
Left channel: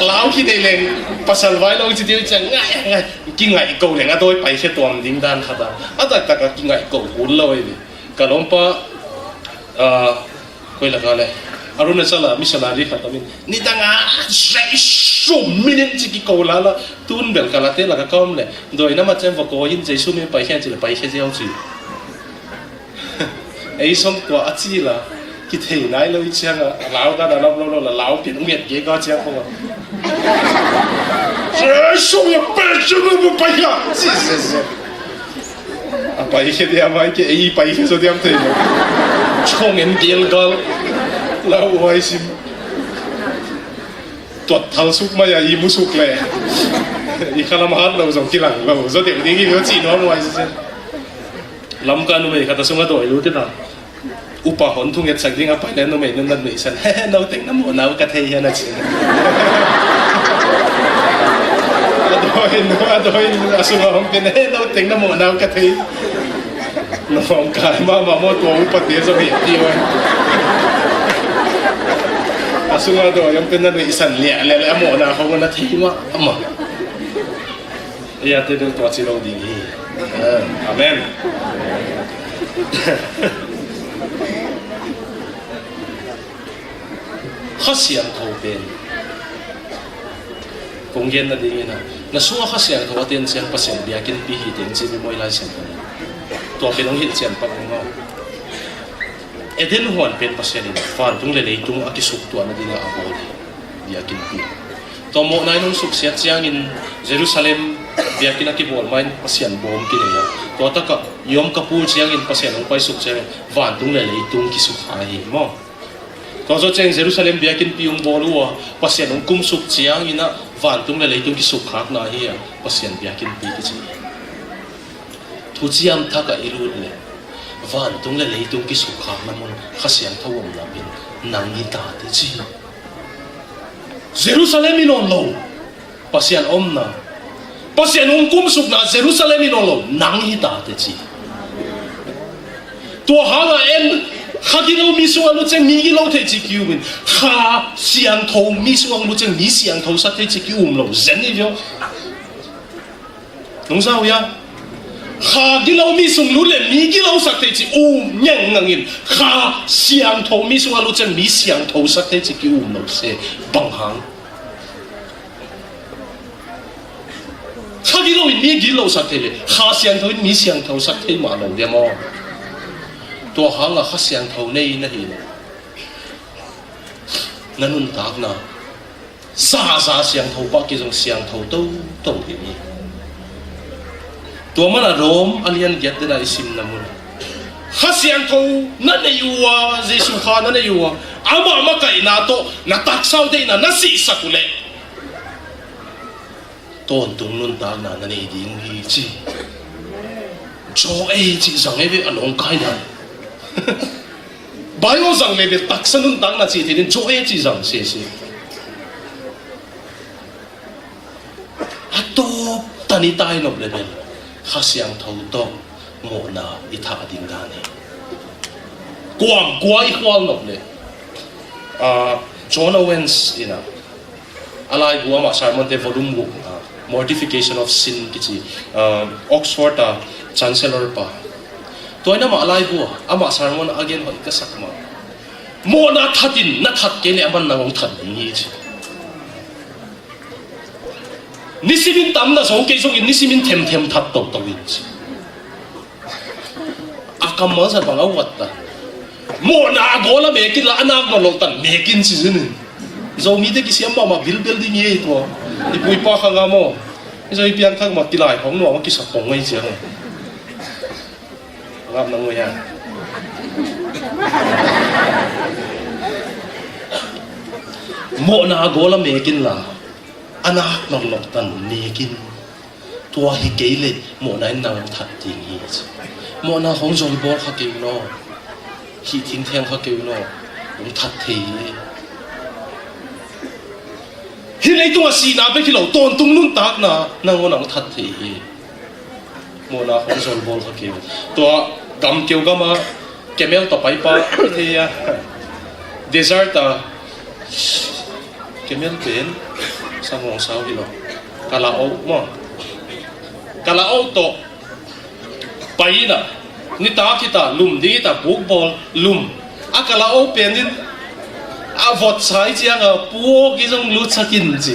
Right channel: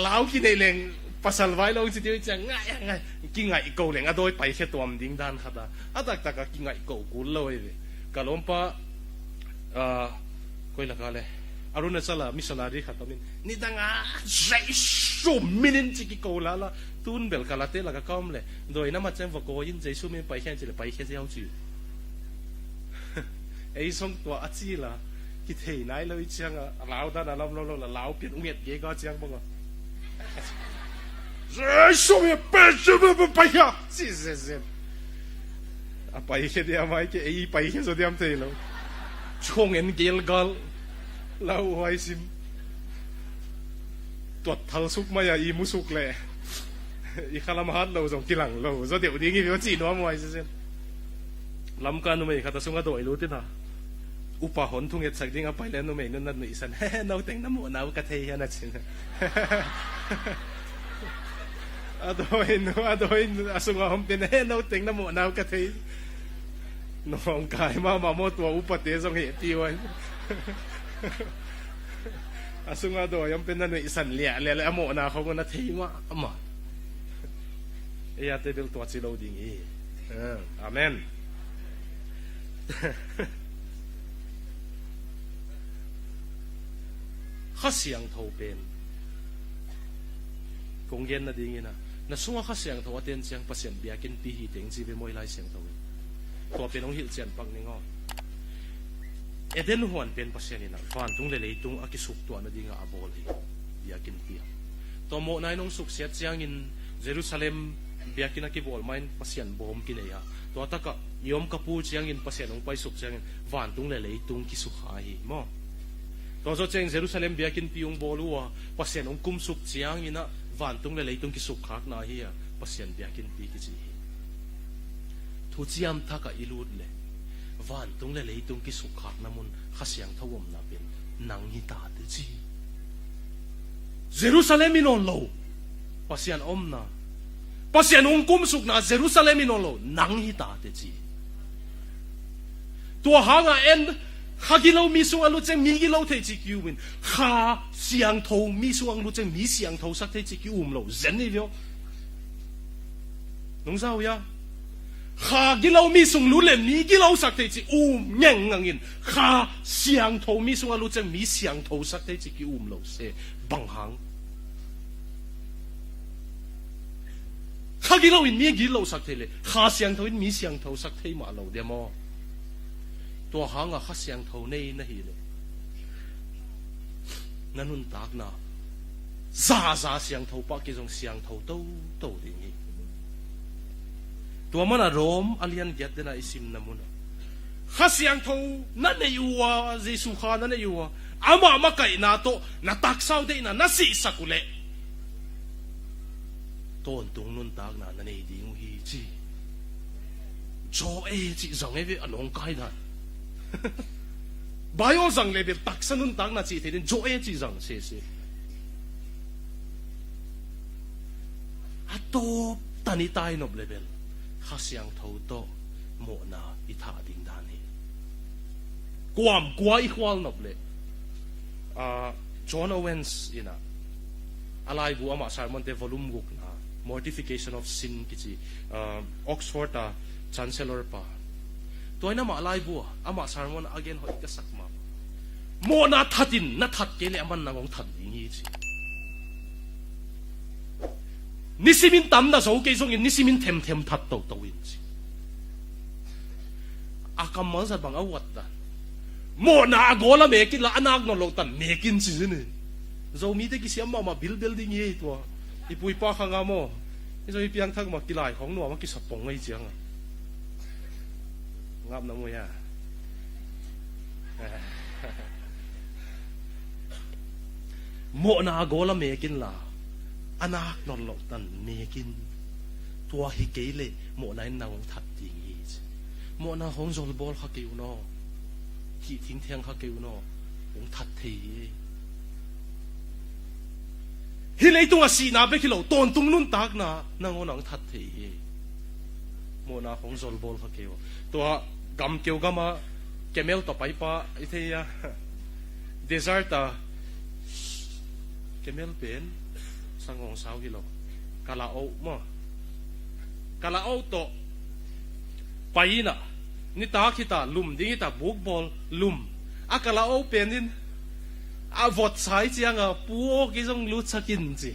lao ki dei leng pasal vai lo chi ti chang ngai ki ngai ko le nga doi pai se tuam ding dan khata ada ka ki ngai ko hul lo ai ka lom pa koi la ka le aruna sala missionary khatamin ni danga sai minute chi ki ko la la tun bel kala te la ka kom le doi na ma chen vo ko yin jesu me pai khen chi le pai khe jeo chi ei som ko a chi la ki thei nai lo chiang a lao ka da lo la lao pi nong ye ga chiang ko jesu me pai chu mo pai ka si a pai khe dia mai ke ei pai khe so diam te lo chong en gel gal lao ai sim tuột thal suk mai ai mu suk le i khala ma hat lo zong ki lang lo zo de ni lo chi no mai se lam ka no me kha ta sunga doi lu te na upa hon thung et sak ding a pai le no me nan me san no teng na mo na ka thei ya na chi adoi asunga hom ke ne no teng na mo na ka thei no hom ka ma mo to upa te zo me ti wa asunga do yang kena ni isan le amo na ko na thima ama ya te do to chi lo ding hi amen khasiam ko ben konggen na ding na suwa khasiam ko ten sian pasien biakin pi hi ding chi moi lai sen to pe nong hit chen pa ngo eden hon pen pasien ni fan tung le tung akisuk tu na dinga abol biakin pi to mo nai nong suk sia chiang in Jerusalem biakin akibol main pasien bom ki le to ta ka yom kapul chiang in pasien ong pai suk che fan tung le tung kisuk ha hi mo to zo cheng Jerusalem biakin pi ung bol wa pasien ong kum suk chiang ina fan tung le tung kisuk hak na hi pasien biakin pi ki chi tu chiam tha ka iru le van tung le tung ki sukha na mon khasiang thawom la bin nang ni ta te chi Jerusalem ilon lo pasian omna pasian kum suk na Jerusalem ilon lo nang hi ta te chi to hala en khadingo misuang lu cheng mi lo te chi kiumin kha siang tho misuang lu cheng mi siang tho sa te chi kium lo zen ni yo nong sao ya kha gilo mi sung lu le mi gilo sak te chi meng ngin kha siang tho mi sung lu chen mi siang tho sak te chi ki no se bang hang kha gilo mi gilo sak te le kha siang tho mi siang tho sak te ma lo de mo to hang la kha siang tho nei na hi nanun tak na sa siang tho pa ki jong siang tho to hi ni to mana rom alian get na isim na mun hasian ko na ne yuwa jesu kha na ne yuwa ama kai na to na tak sau de na si sakule ton tung nun ta na ne ding hi chi cho ai chi sang ai be along kai na bai wo sang le be tak san nun ta na chi de cho ai chi sang se ato tani tai no le be khasiang thau to mo na itha ding ga ne kwam kwai kwal no le John Owens ina alai bua ma sermon de volume mortification of sin kichi Oxford chancellor pa toina ma alai bua ama sermon again hoi ka sakma mo na thatin na that ke le aman na ngong that ni chi nisimin tang na zong ke zong nisimin them that to win akam ma sa bang awat ta mo na gola be ki la anak ma lo tan me kin si zin zo mi de ki siam ba ma bil ding ye to ni pui pa kha nga mo zo i pian khang ma ti lai hong no ma ki sa kong ngai che ngap na ngoya mo na gola me kin la anak nong lok tan nekin tua hi keile mo na nang that ting hi mo na hong jong bol kha ke no hi ting theng kha ke no cũng thật thì hiện nay tôi xì na bên cái lẩu tôn tung luôn tạc na năng ngon thật thì mua na không rồi vô cái kiểu tôi cầm kiểu cái mà cái mèo tập bay ba thì desert à cái mèo biển sang ngọn sao đi lo cả là ốc mà cả là ốc to bay na ni ta thì ta lùm đi ta buộc ball lùm cả là ốc biển đi vọt sai chứ à buộc cái dòng lút sát in gì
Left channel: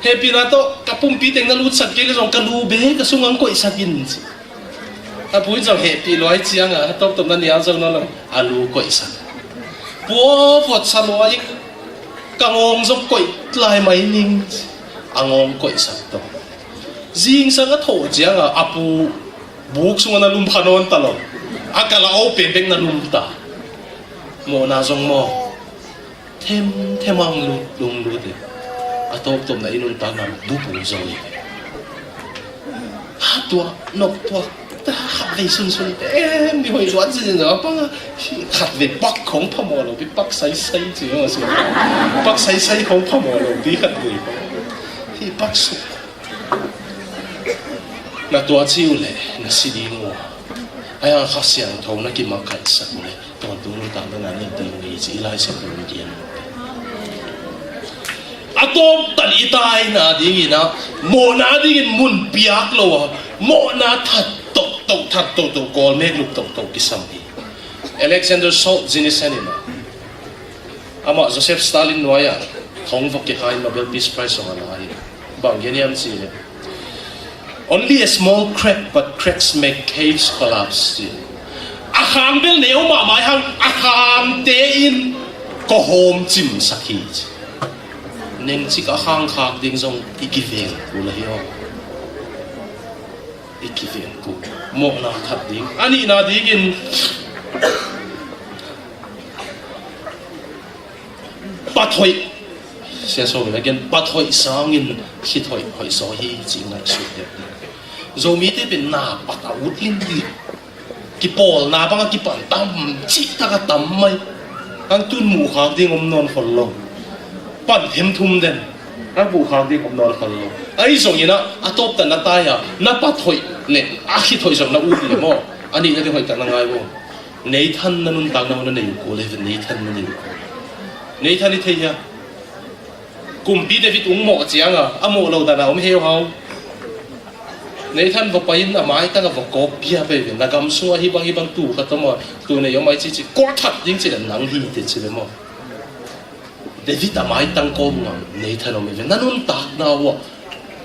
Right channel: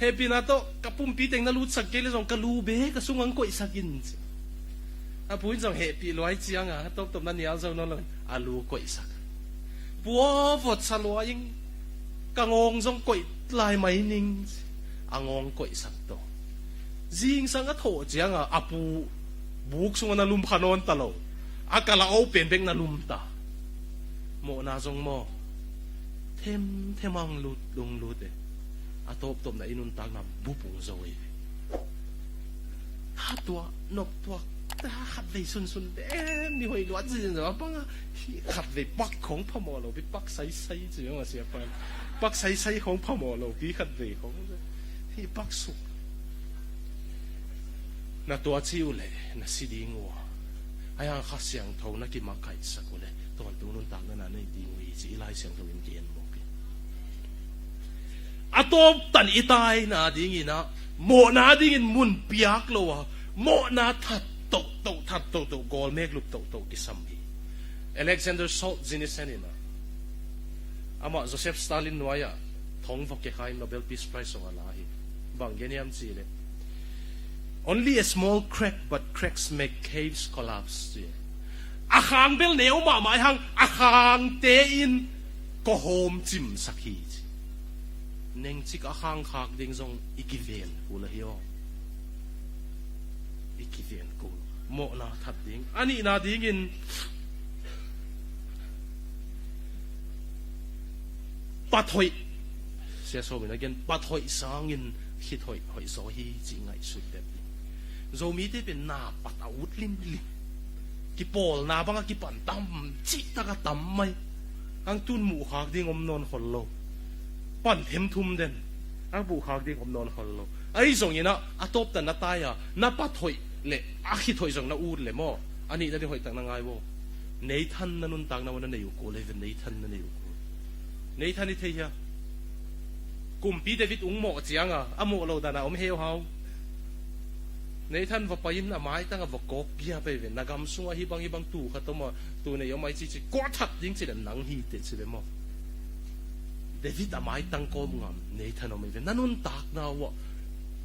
he pinato kapung piteng na lút sát cái dòng cái lù bể cái sung ngang quậy sát in gì bui dòng he pi loài chiang à top top na nia dòng nó là alu quậy sát buộc vọt sát loài cái ngong dòng quậy lại mấy ninh ngong quậy sát đó riêng sang cái thổ chiang à apu buộc sung na lùm phanon ta lo cái là ốc bể bể na lùm ta mo na dòng mo thêm ang lung lu de atop tom na inun ta na bubu rồi tua nộp tua ta về sun sun em đi hồi doãn gì nữa băng khát về bắc không phá mồ rồi bị bắc say say gì mà sao bắc say say không phá mồ rồi bị khát về thì bắc sụp na tua chiu lệ na si đi mua ai ăn khát xiang thâu na kim mặc khai sắc lệ toàn tu nu ta na nên tự nghĩ chỉ lại sẽ được gì atop tan itai na ding ina mo na rin mun piak lo mo na that to kol me luk to kisam hi Alexander Salt jinisanina ama Joseph Stalin noya thong vok ke khai Nobel Peace Prize on ai bang geniam si only a small crack but cracks make caves collapse akham bel neu ma mai hang akham te in ko hom chim sakhi nên chỉ có hàng khác tiếng dòng ikivien của là hiểu ikivien của một nào thật tiếng anh là tiếng in bắt thôi sẽ so với cái bắt thôi sáng in khi thôi hỏi so hi chỉ ngay suốt đẹp rồi mi tới bên na bắt đầu lên đi cái ball na bằng cái bàn tam chỉ ta cái tam mai anh tuân mù khác tiếng non phật lòng bắt thêm thum den anh bù khang đi cũng nói khăn luôn ấy giống như nó top tận nó tai à nó bắt thôi nè khi thôi giống nó uống liền mò anh đi cái thôi cả năng ai vô nấy thân nó nun tang nó nấy cố lên nấy thân nó nấy thân đi thấy à cùng bị David uống mỏ chiang à mỏ lâu đàn ông heo hao nấy thân vào bay nó mãi cái nó vào cốp bia về là cầm xua hi bang tủ cái tao mò tủ này giống mấy chỉ quá thật những chỉ là nắng hi thì chỉ là mò David đã mãi tăng công mà nei thân ông mình nên ông tạc nào à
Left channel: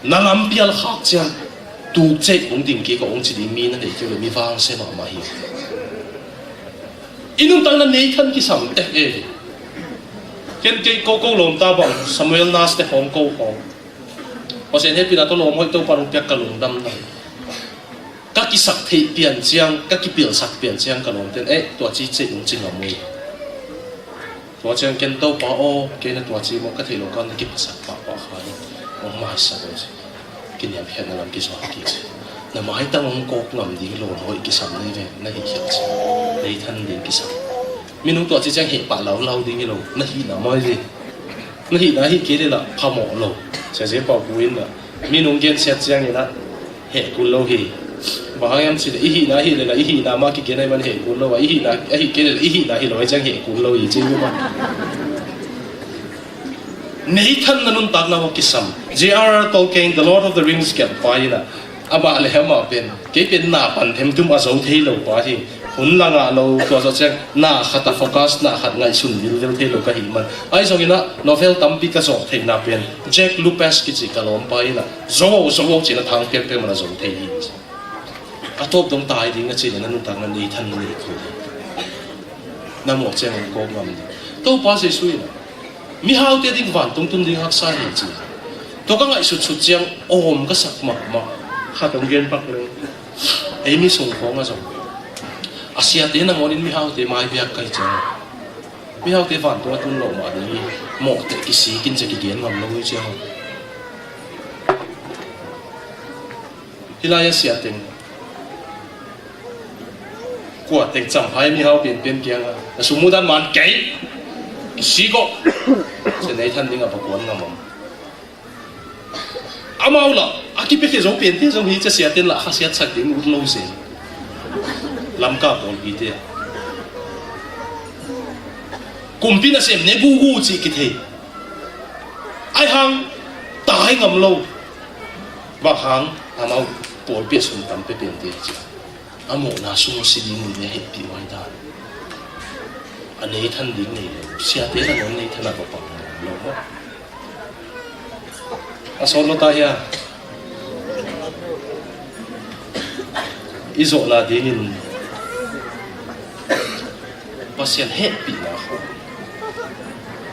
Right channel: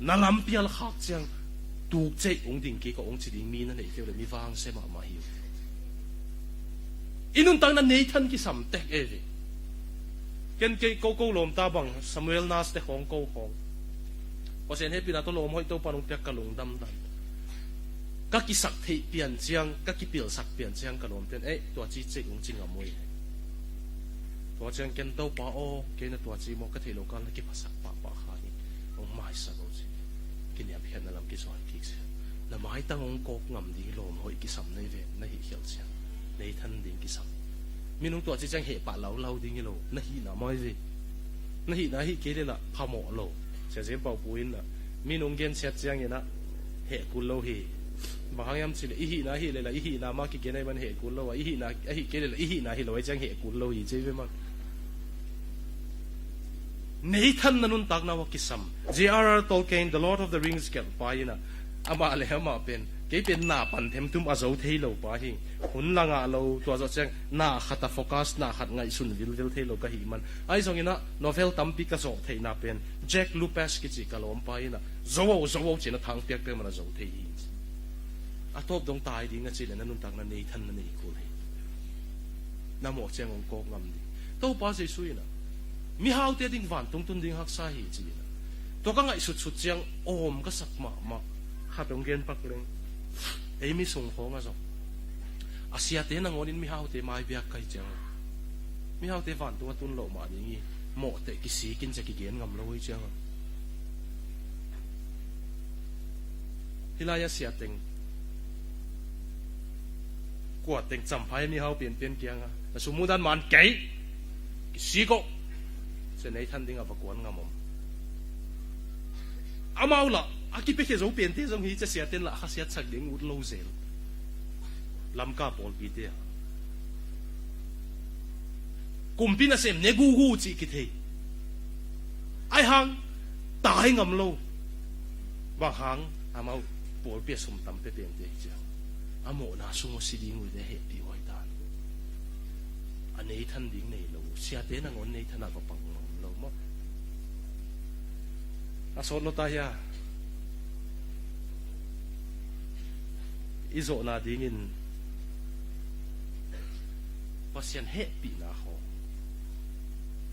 năng âm bia là khác chứ tu chết ông tìm cái ông chỉ đi mi nó để cho người mi vang xem mà mày inung tăng là nei thân cái sầm cái cô lồng ta bằng Samuel Nas cái phong cô phong họ sẽ hết pina tôi lồng hơi tôi bằng cái lồng đâm này các cái sắc thị biển giang các cái biểu sắc biển giang cái lồng tên tôi chỉ chết ông chỉ là mày tôi chẳng kiến tàu bảo ô cái này tôi chỉ một cái thể loại con cái sắc bảo khai ông mai sao rồi cái niệm hiện là làm cái sao cái là mai tăng ông cố làm gì luôn hỏi cái sắc này về nó hiện gì lấy thân đến cái sắc mình không tôi chỉ chẳng hiện bảo lâu đi cái luôn nó hiện là mai gì nó hiện cái đấy là phá mỏ luôn sẽ bảo buồn là mình không kiến xét chẳng như là hệ cùn lâu thì và em chỉ là ý là ý là mà cái này mình hệ cùn lâu ý là ý là nói chẳng hệ cùn lâu gì chứ mà nấy thân là nun tạc nào cái sầm J.R.R. Tolkien The Lord of the Rings cái bài là mà lại mà cái bên nà bản thêm chúng ta giấu thấy lâu quá thì hun là ngã lâu tôi cho xem nà khát focus nà khát ngay xuân vil thấy lâu cái gì mà ai giống như nó novel tấm bị cái giọt thấy nà bên Jack Lupus cái gì cái lom bài là số chỉ là thằng kia mà là giấu thấy top đông tai đi ngay trên nên tăng lên đi thân đi thôi, nam một chân cố ngầm, tôi bao giờ suy là, mi hao tiền đi vạn tung đi học sai gì, tôi các lại sụt chân ôm cái sặc mập hạt đồng viên bắc lên, ấy mi sùng phong à rồi, Asia tiền là món mi hao tiền mai việc cái chân, mi hao tiền vạn tung lộ mà đi, một cái xí kinh doanh cái kiến ngầm nó mới chưa, đi lại Asia tiền của tình chẳng phải mi hao biển kiang à, số mua đan màn cái xí có sẽ lấy thân đi ngập cuốn ngầm mau là cái biết cái giống biển thế giống như cái xe tên là khác xe sạch đến lâu rồi làm cả bốn vị thế cùng biết là xem nên gu gì cái thế ai hàng tái ngầm lâu và hàng mau bỏ biết xuống tầm cái biển thế chứ một là sung sĩ đi người hết bị ngoài đó anh ấy thân đi người xe thế là anh ấy thân là có bằng lâu quá số nó ta ya izo la dingin pasien hết bị nào không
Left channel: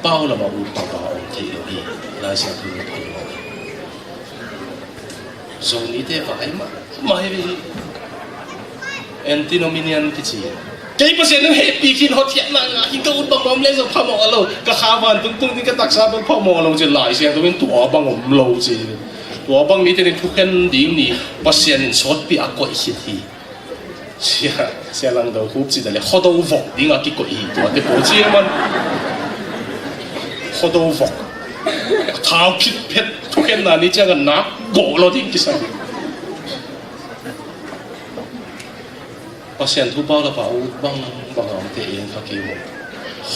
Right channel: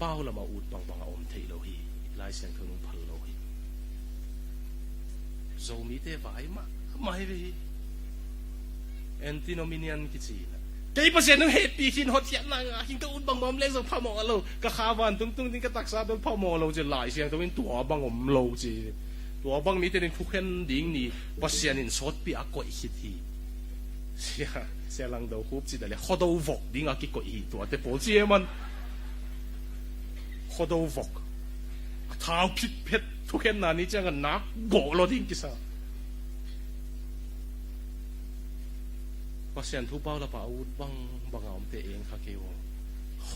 bao là bảo bảo bảo thì đi là sẽ thu được rồi ní thế phải mà vì antinomian cái gì cái mà sẽ nó hết bị khi họ thiệt là khi câu bằng bom lên rồi không mò lâu cái khá van tung tung cái đặc sản không mò lâu thì lại sẽ tôi bên tủa bằng ngầm lâu gì tủa bằng mi thì thuộc hen điểm ní mà sẽ nên sót bị ác quậy gì thì sẽ lần đầu cũng chỉ là họ đâu vọng đi ngã cái quậy tủa cái bộ chi mà họ đâu vọng tháo kít pet thuộc hen là ní chắc là nát gỗ lo đi cái sao pasien thu bao là bảo bằng ông thế yên phát kêu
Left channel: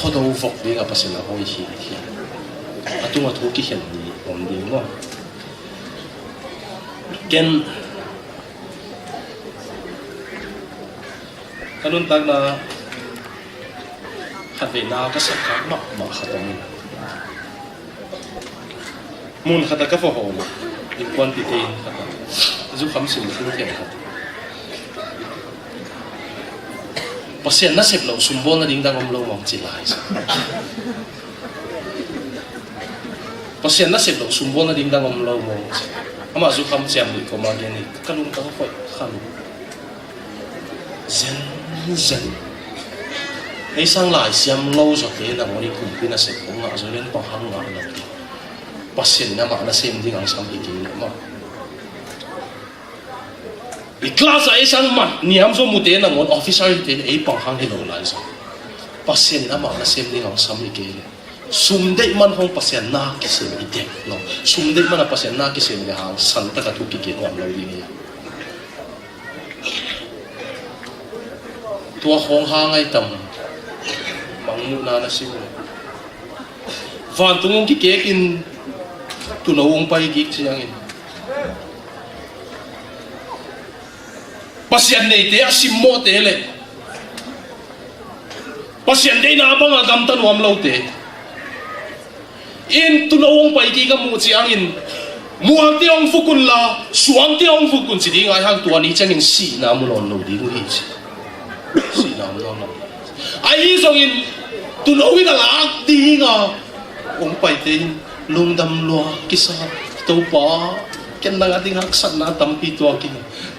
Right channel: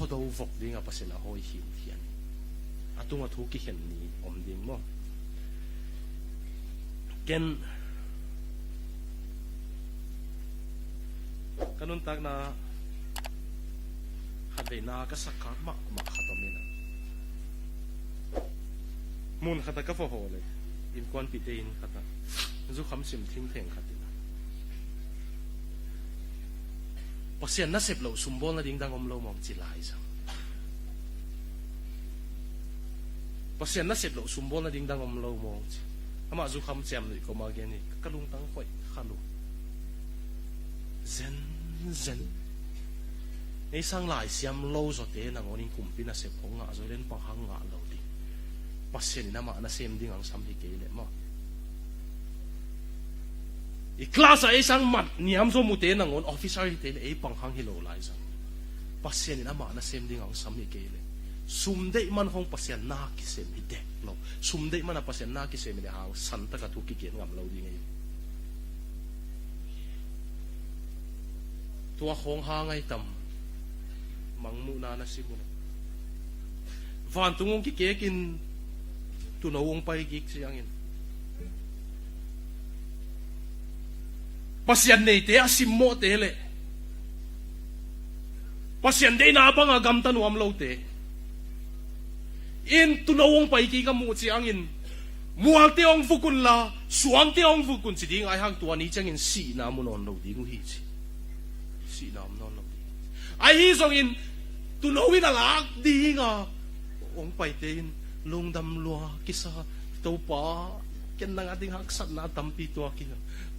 họ đâu phục đi gặp pasien là hơi hiền hiền à tôi mà thu cái hiền gì ổn định quá gen cái luôn ta là hạt về nào cái sắc cá mọc hạt tôm muốn hạt cái phở hồ liên quan tới tiền giúp khám sinh không thể pasien na sep lo sumbol na ding dang om lo mong chilai pasien na sep lo sumbol na ding dang om lo mong ama zu kham siam ni ko ma gen ni kalung tang phoi kham zen ei sang lai siam lo so te na ngoni kum pina sep ko nga zo len pa hang nga na pasien na ma na sem ding ang sam hi ki ma class ay isang man niam so mute na ngon officer din ay panghang hello lai sa pasien ama na sem ding ang sam ikele sumde man hong pasien na kisem ide no sumde man na pasien na kisem de hang santa ka tu kike ngam lo ni tua hong hang ay tam mangu na sim van tungong kike in tunawong pai gik siyangin pasien ni dia simo tele pasien ni na mga gamtan wam lo te in tulong pai ki ka mu chiang in muang tiong fukun la suang tiong fukun si ding ai hang tua ni changin si na mu lon lo ding hi si na mu lon ai song in tulong ina la ti nga ong pai te lung dam lo kisa to pa ken na ating haksan na tampi to akin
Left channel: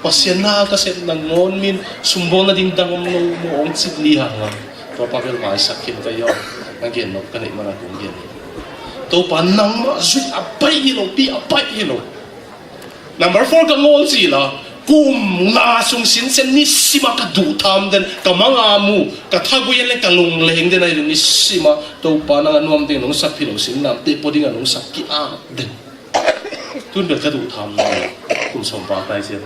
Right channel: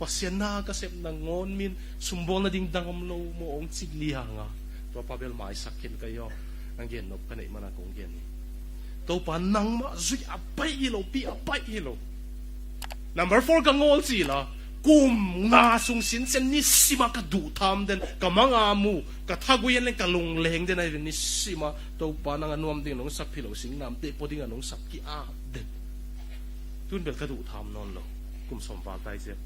pasien na kasi nangon min sumbong na ding dangom no mo ang sidliha nga to pagel ma sakit kayo ngin no kanit mga kung to panang ma sweet apay hilo pi apay hilo number 4 ka ngon sila kum nga sung sinsen ni sima ka dutam den ka mga mu ka taguyen le kalung leng den ay ni sima to panang anuam din nung sakpilo sinam te podi nga nung sakki a den tun được cái đủ tham này cùng sống vào tay xem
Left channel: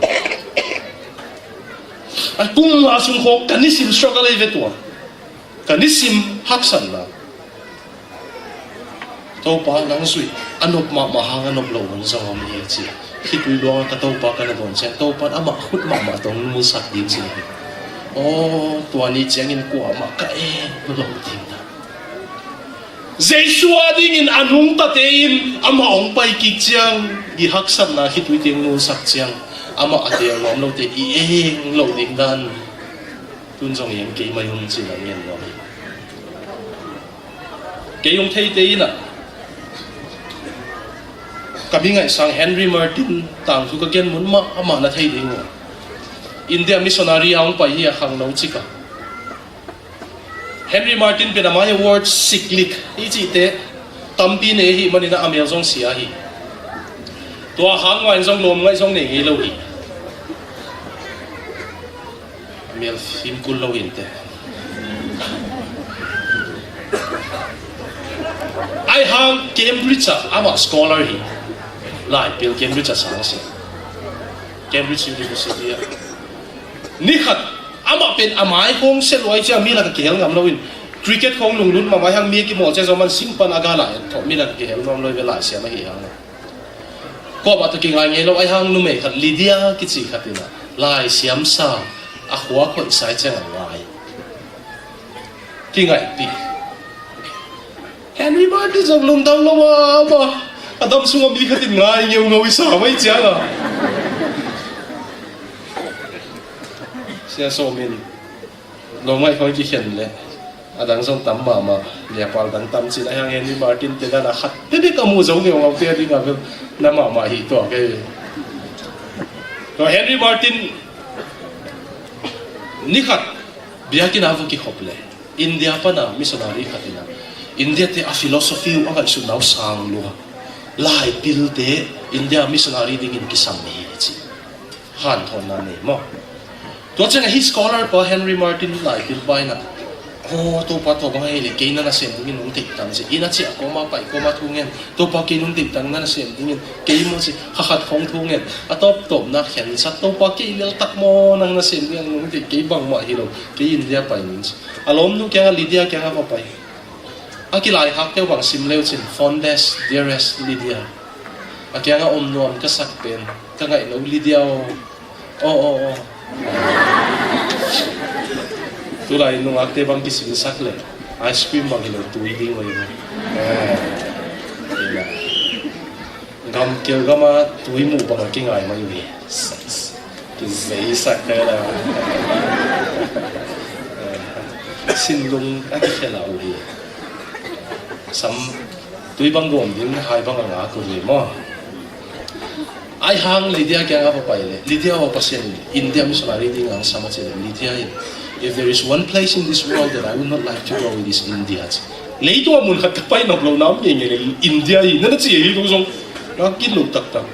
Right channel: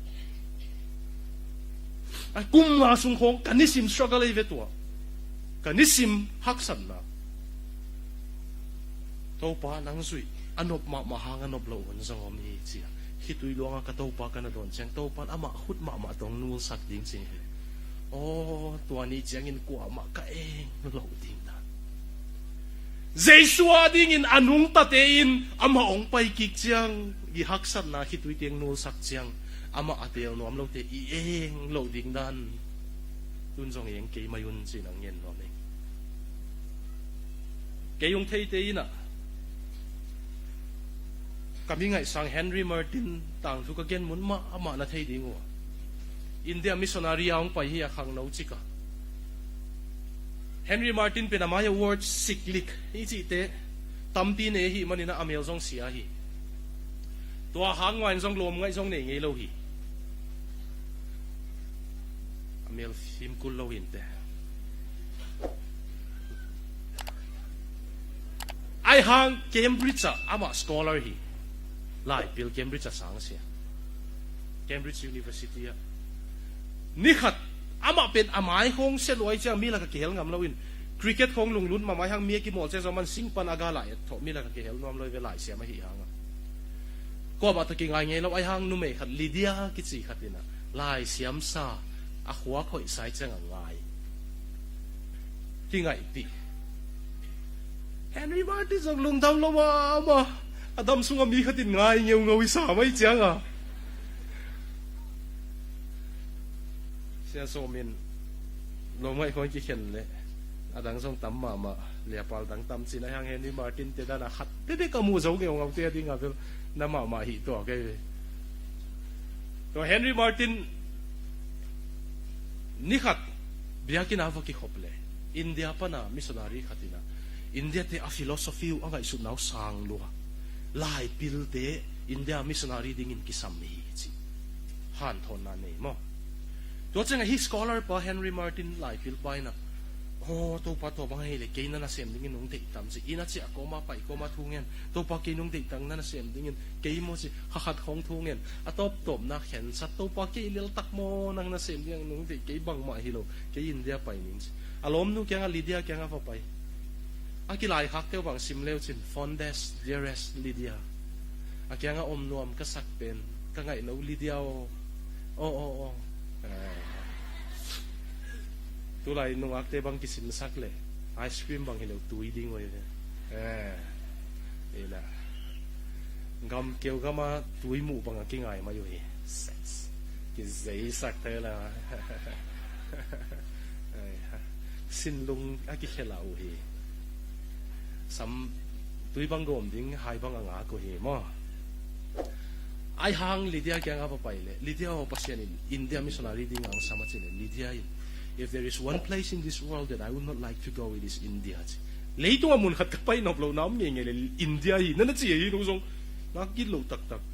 anh cũng là sung hộp cái ní sim struggle đây với tuổi cái ní sim hấp dẫn là tàu pa nắng suy anh nộp mà hàng anh nộp lẩu anh sao mà nhiều chứ khi tôi lo cái tàu pa cái là đồn xem tàu pa đã mà hút mà tông mua sạch đi chứ tuổi này chẳng in quả mà cái lẩu tiền Jesua dingin anong tatein ama ong pai kichang ihaksan na hitwi ting no sakchang ama ate ngom lo te ieng lo ding dan tun jong yang ke mayong chi lang yan lo ke yung thei te na kami ngai sang Henry Martin tang su ka gen mun ma ama na thei ding India missionary ang pai ya khang no chika Henry Martin pinamay award siklik iji te tampi ne hi manina amel jong sia hi tua hang ngai jong lom ngai jong ne ngi lo hi amel film kul lo hin te ai hang Cambridge ama scholar hi lai pil Cambridge sang se Cambridge University ni khat ama pen amai kong se loi cha mi la ka kel ngam loin cricket kong lung lun ma mai hang mi ki mo che zoman simpan aga la tho mi la ka kel ngam loi ve la sia ma hi hang ko ba to ki ngai ngai lo ai hang nu me khat Lydia ki chi khatina lai siam sa a khwa ko sai che ngai ki ngai pi Henry Martin jong lum dang lo ma adam su mi khatin ngai ngeu ngoi sa mai cha la sia so min lo ngai khoi ki khen le adang song tam ma ya pal dang tam si hang Henry Martin te na khat te ka mu jong ngeu ngau te di nga na ma hi to ke Henry Martin ni khat biakin avu ki khople India pa na missionary khatina India te a philosophy u anga isu nau sang lo lai pil te India missionary dingin kisam ni chi han thon na ne mo to chang hi scholar pa Henry Martin lai pil pai na to pa to ba hele ke na sem dingin ung tik tang si ina chi ko ma pai ko ma thungen to pa ke nung tik tang na sem dingin ke mo si ha khat khong thungen atop top na khen sa to pa ke lel tak mo nang na sem dingin nung tik ke bang ma hi lo ke India pai min alom nu ke Lydia ke ha pa pai akilai hak ke wang sim leo chin fondest dearest Lydia akya nga nuam ka sak pen ka ngai no Lydia o tulai nung akte bang kisin sak le ice cream bang hilo tui ding mo yun gam kyo gama tui mu bang ki ngai ma yun ki zai sak ka la sin lung akikela uli sam tui bang gom din hai bang nga ko le mo ai hang Lydia kya nga pa pai le Lydia wa pasien India missionary ding ang sama che Lydia if there is one place in this world that I would not like to go it is India leito mun khat pai nok lo nam nge India i na chi hi song ra kin lu tak tak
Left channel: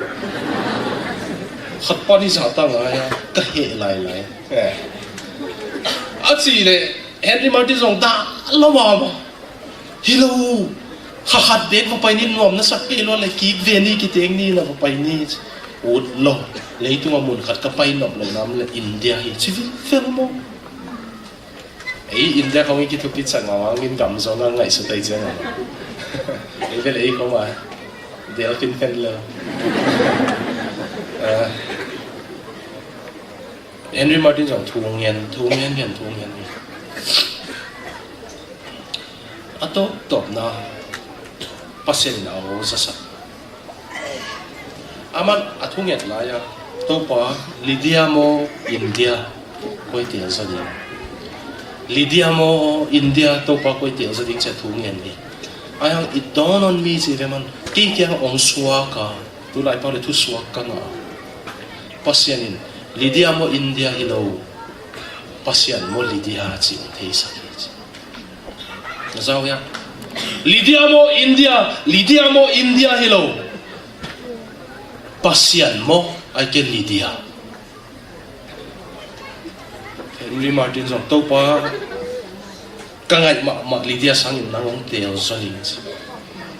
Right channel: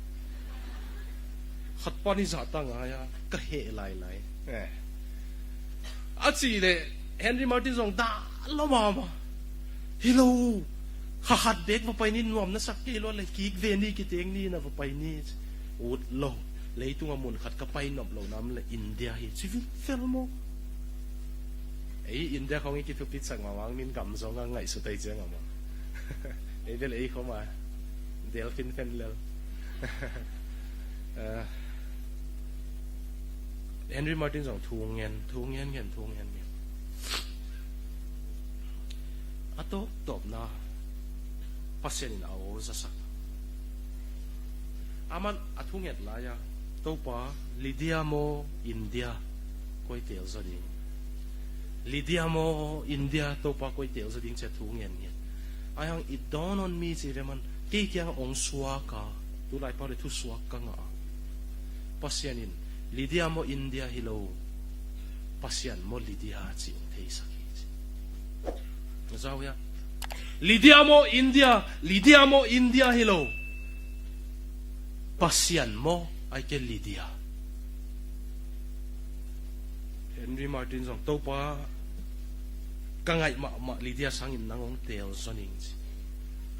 khat pa ni sa ta nga ya ka he lai lai a chi le Henry Martin song da lo ma Hello, khahat dek mo pai ni nom na sak pe lo le ki veni ki teng ni na mo pai ni ud lo le tu mun khat ka pai nom le nam le India hi chi fel mo ei India ko ngi ki tu pizza nga wa ngin gam zo na ngai su tai jeng ei ve le ko ma del kin fen lo Henry Martin jong thu ngien ato top na pasel na o sa aman atunget la ya to pa Lydia mo India koi tel sa di Lydia mo India to pa koi tel sa ding sa thungen ni ayang it dawn on me si veman ti kyang ong suwa ka tu lai pa le tu suwa ka na pasyanin Lydia mo India hello pasyan mo Lydia chi thei sa Sao ya? Lydia mo India hello. Pasian mo ay ken Lydia. Henry Martin song to pa kangai ma Lydia sangin nangong tel soling.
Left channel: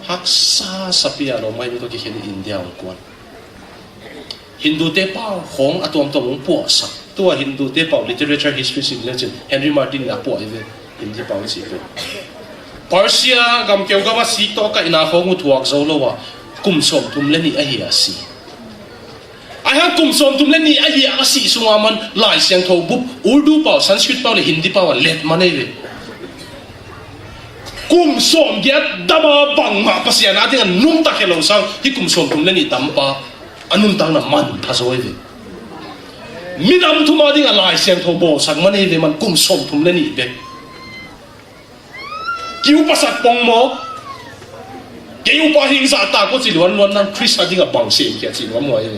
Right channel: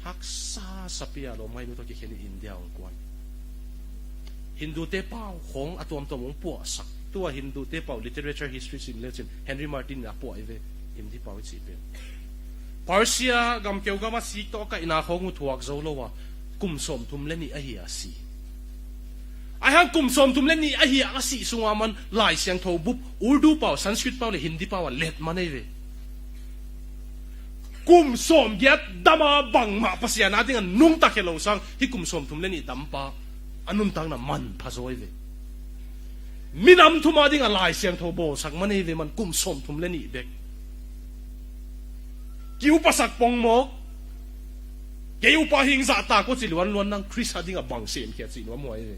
Haksa sapia lo mai to ki hen India ang kwan. Hindu te pa hong atom tong po sa. Tua Hindu te pa literature history sin legend Henry Martin na po even hindi pa si pe. Persia gam keu gama si to ka ina ho ngutuak zo lo wa kum som tum le ni a hi asi ai kum som tum le ni a hi asi sungaman lai siang tho bu urdu pa sanskrit pa le hindi pa wa let manai le kum som ya dama bang ma pasya na de nung ta ke lo sang hi kum som tum le ni tampa anun tang na man pa zo le minam thumali nga lai siang tho bo sang manai le man kum som tum le ni le kiu pasak pong mo kiu pa hing sa ta ko si luan nan Chris ading a bang sem kya si mo ay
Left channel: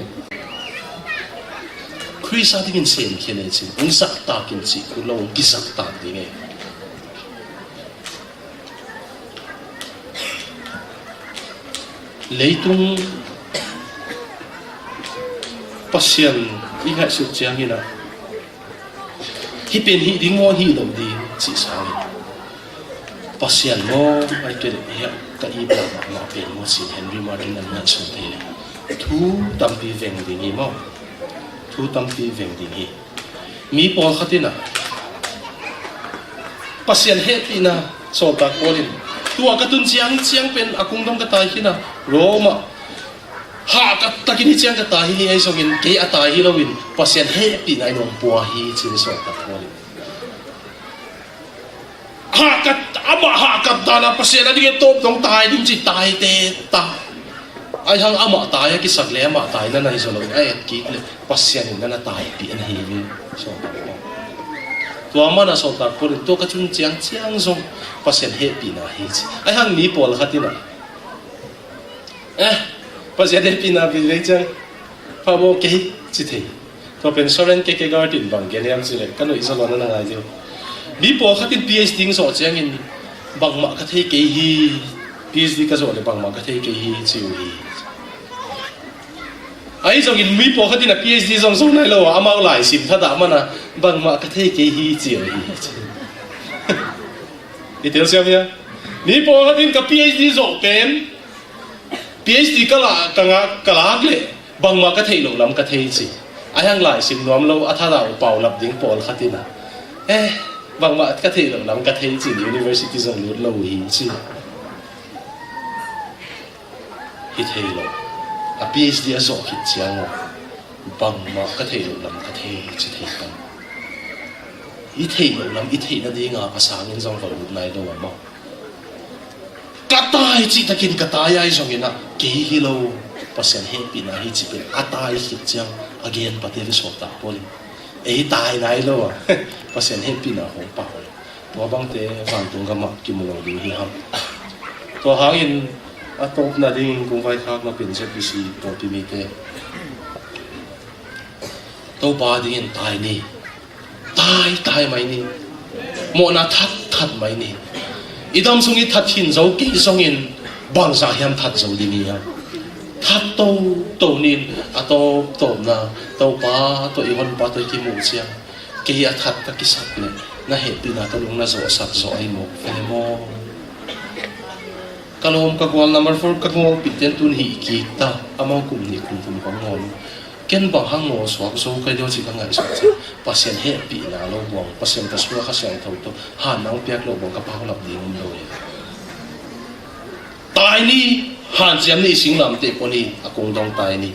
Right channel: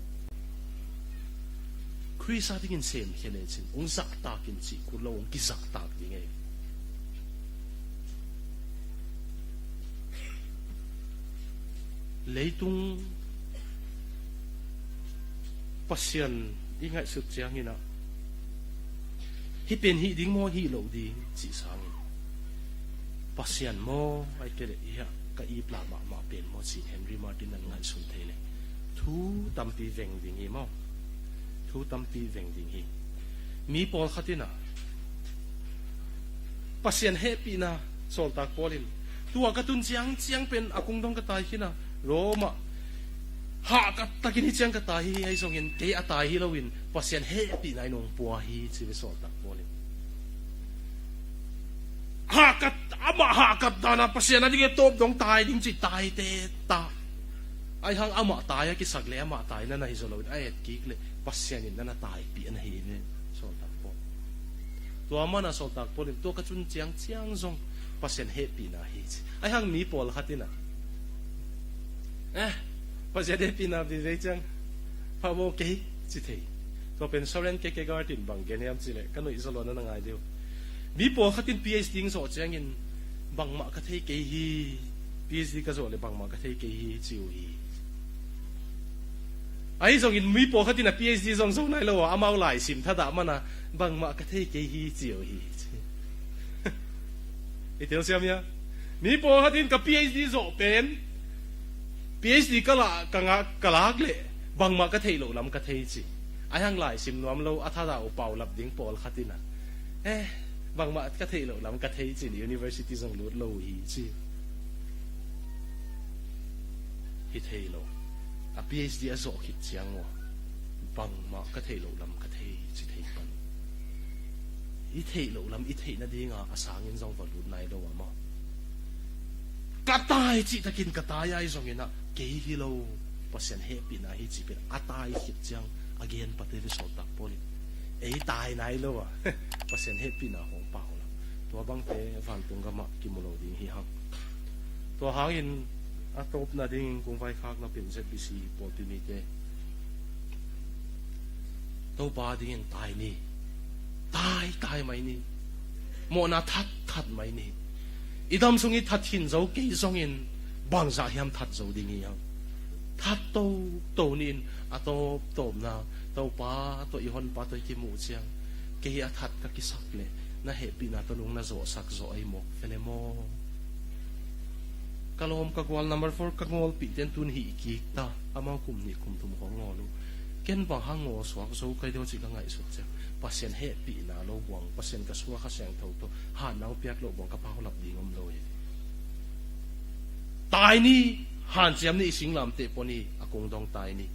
Chris ading sem kya ne si ung sak ta kin si ku lo kisak ta ding e leitung pasyan iha su chiang ina hi pen hi ding mo hi dom di si sa pasyan mo ay kaya ka iba na pe mo si Henry Martin an na chu the thu tampi veng ding hi mo thu tampi veng ding hi mi pol khatina pasien happy na so ta kolin tua katun chiang pen akung dom ka tai hina roma ha ka takini chiang ka tai hi ai songin ke atai hi lowin pasien happy na nong puah hi chin so ta kolin ha ka ta na pasien ani ke top nong tai dim chi tai te ta ai hang ama tai ki sak le ama tai na nai so lo ai ki le pasien na na tai pi an hi ni so tua mana so ta kolin to ka chun chiang song pasien happy na hi chi ai hang ni pol khatina pasien happy na bi le chang pa bo ke chi the to pen soren ke garden bang ke niam chi le kan no isolo na ngai jo ni pol khatin PhD so chiang in bang ma ka the ke hi PhD ka so le bang ma ka the ke hi chi hi ai jong in mi po khatin PhD song song nai lo amao lai sim tha da mana bang ma ka the ke hi chi hi itel sia bia ni po khatin ka PhD so pen PhD ka la ka le bang ma ka the lo lam ka the chi ai hang lai sim nom lo a tha da pau lap ding pol khatin bang ma ka the lo lam ka the chi university song lo hi chi hi the lo a PhD a so hit chiang bang ma ka the lo lam ka the chi the kan i the lo lam i the na ding a pasang in song lo nai lo ma ka tai chi takin ka tai ai song ina ke hi lo pasien happy na hi chi pe a tai hit chiang again patel so ta poli ei tai nai lo pasien happy na ho pa to bang te van tung ga ma ki mo lo hi ham to hangin atop na ding kung vai khak na pin se pisi to pi mi te to ba ding tai ni tai mai ni mo na that mai ni idam sungi that hin zo ki songin bang sa hiam that zo ding ni ha that to nin ato to na to pa to ihon pa to ki mu sia ke ya that ka ki sak ne na he pi na to lung na zo sak zo ai mo fe mo kalom kagwal number 4 kagwal piten tun hi kita amang kum ni kum tum pangol ken bang hango swak so kai do chi kangai sa pasien happy na lo bong pasien ka suwa ka sang thau to ha nang pek lo bong ka pa lap ding lo ye tai ni han siam ni singlam te poni akong dong tai ni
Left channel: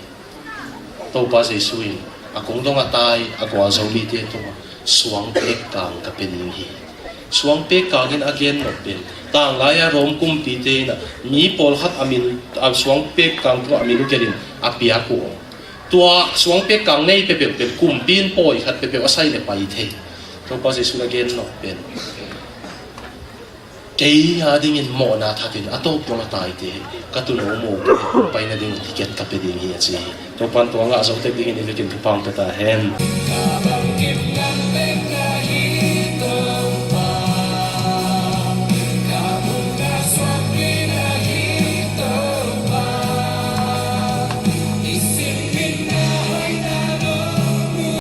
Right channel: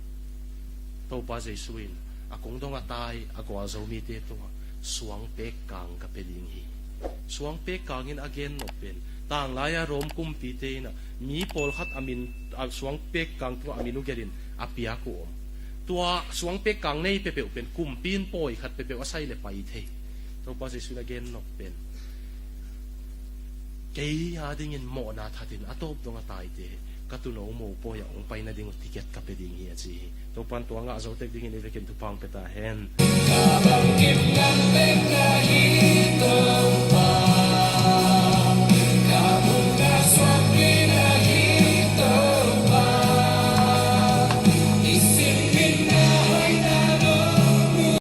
to pa se sui akong dong atai akwa zo mi te to suang pek kang ka pen hi suang pek kangin again no pen tang laya rom kum pi te na mi pol khat amin suang pek kang to amin kerin apia ko tua suang pek kang nei pe kum pin poi khat pe asai le pai the to pa se su again no pen kei ha ding in mo na thatin ato pon tai te ka tu no mo pai na ding ticket ka pe ding hi chi to pan to nga so te ding in evitin pam ta hen ka bang kim ngam pe ka hi to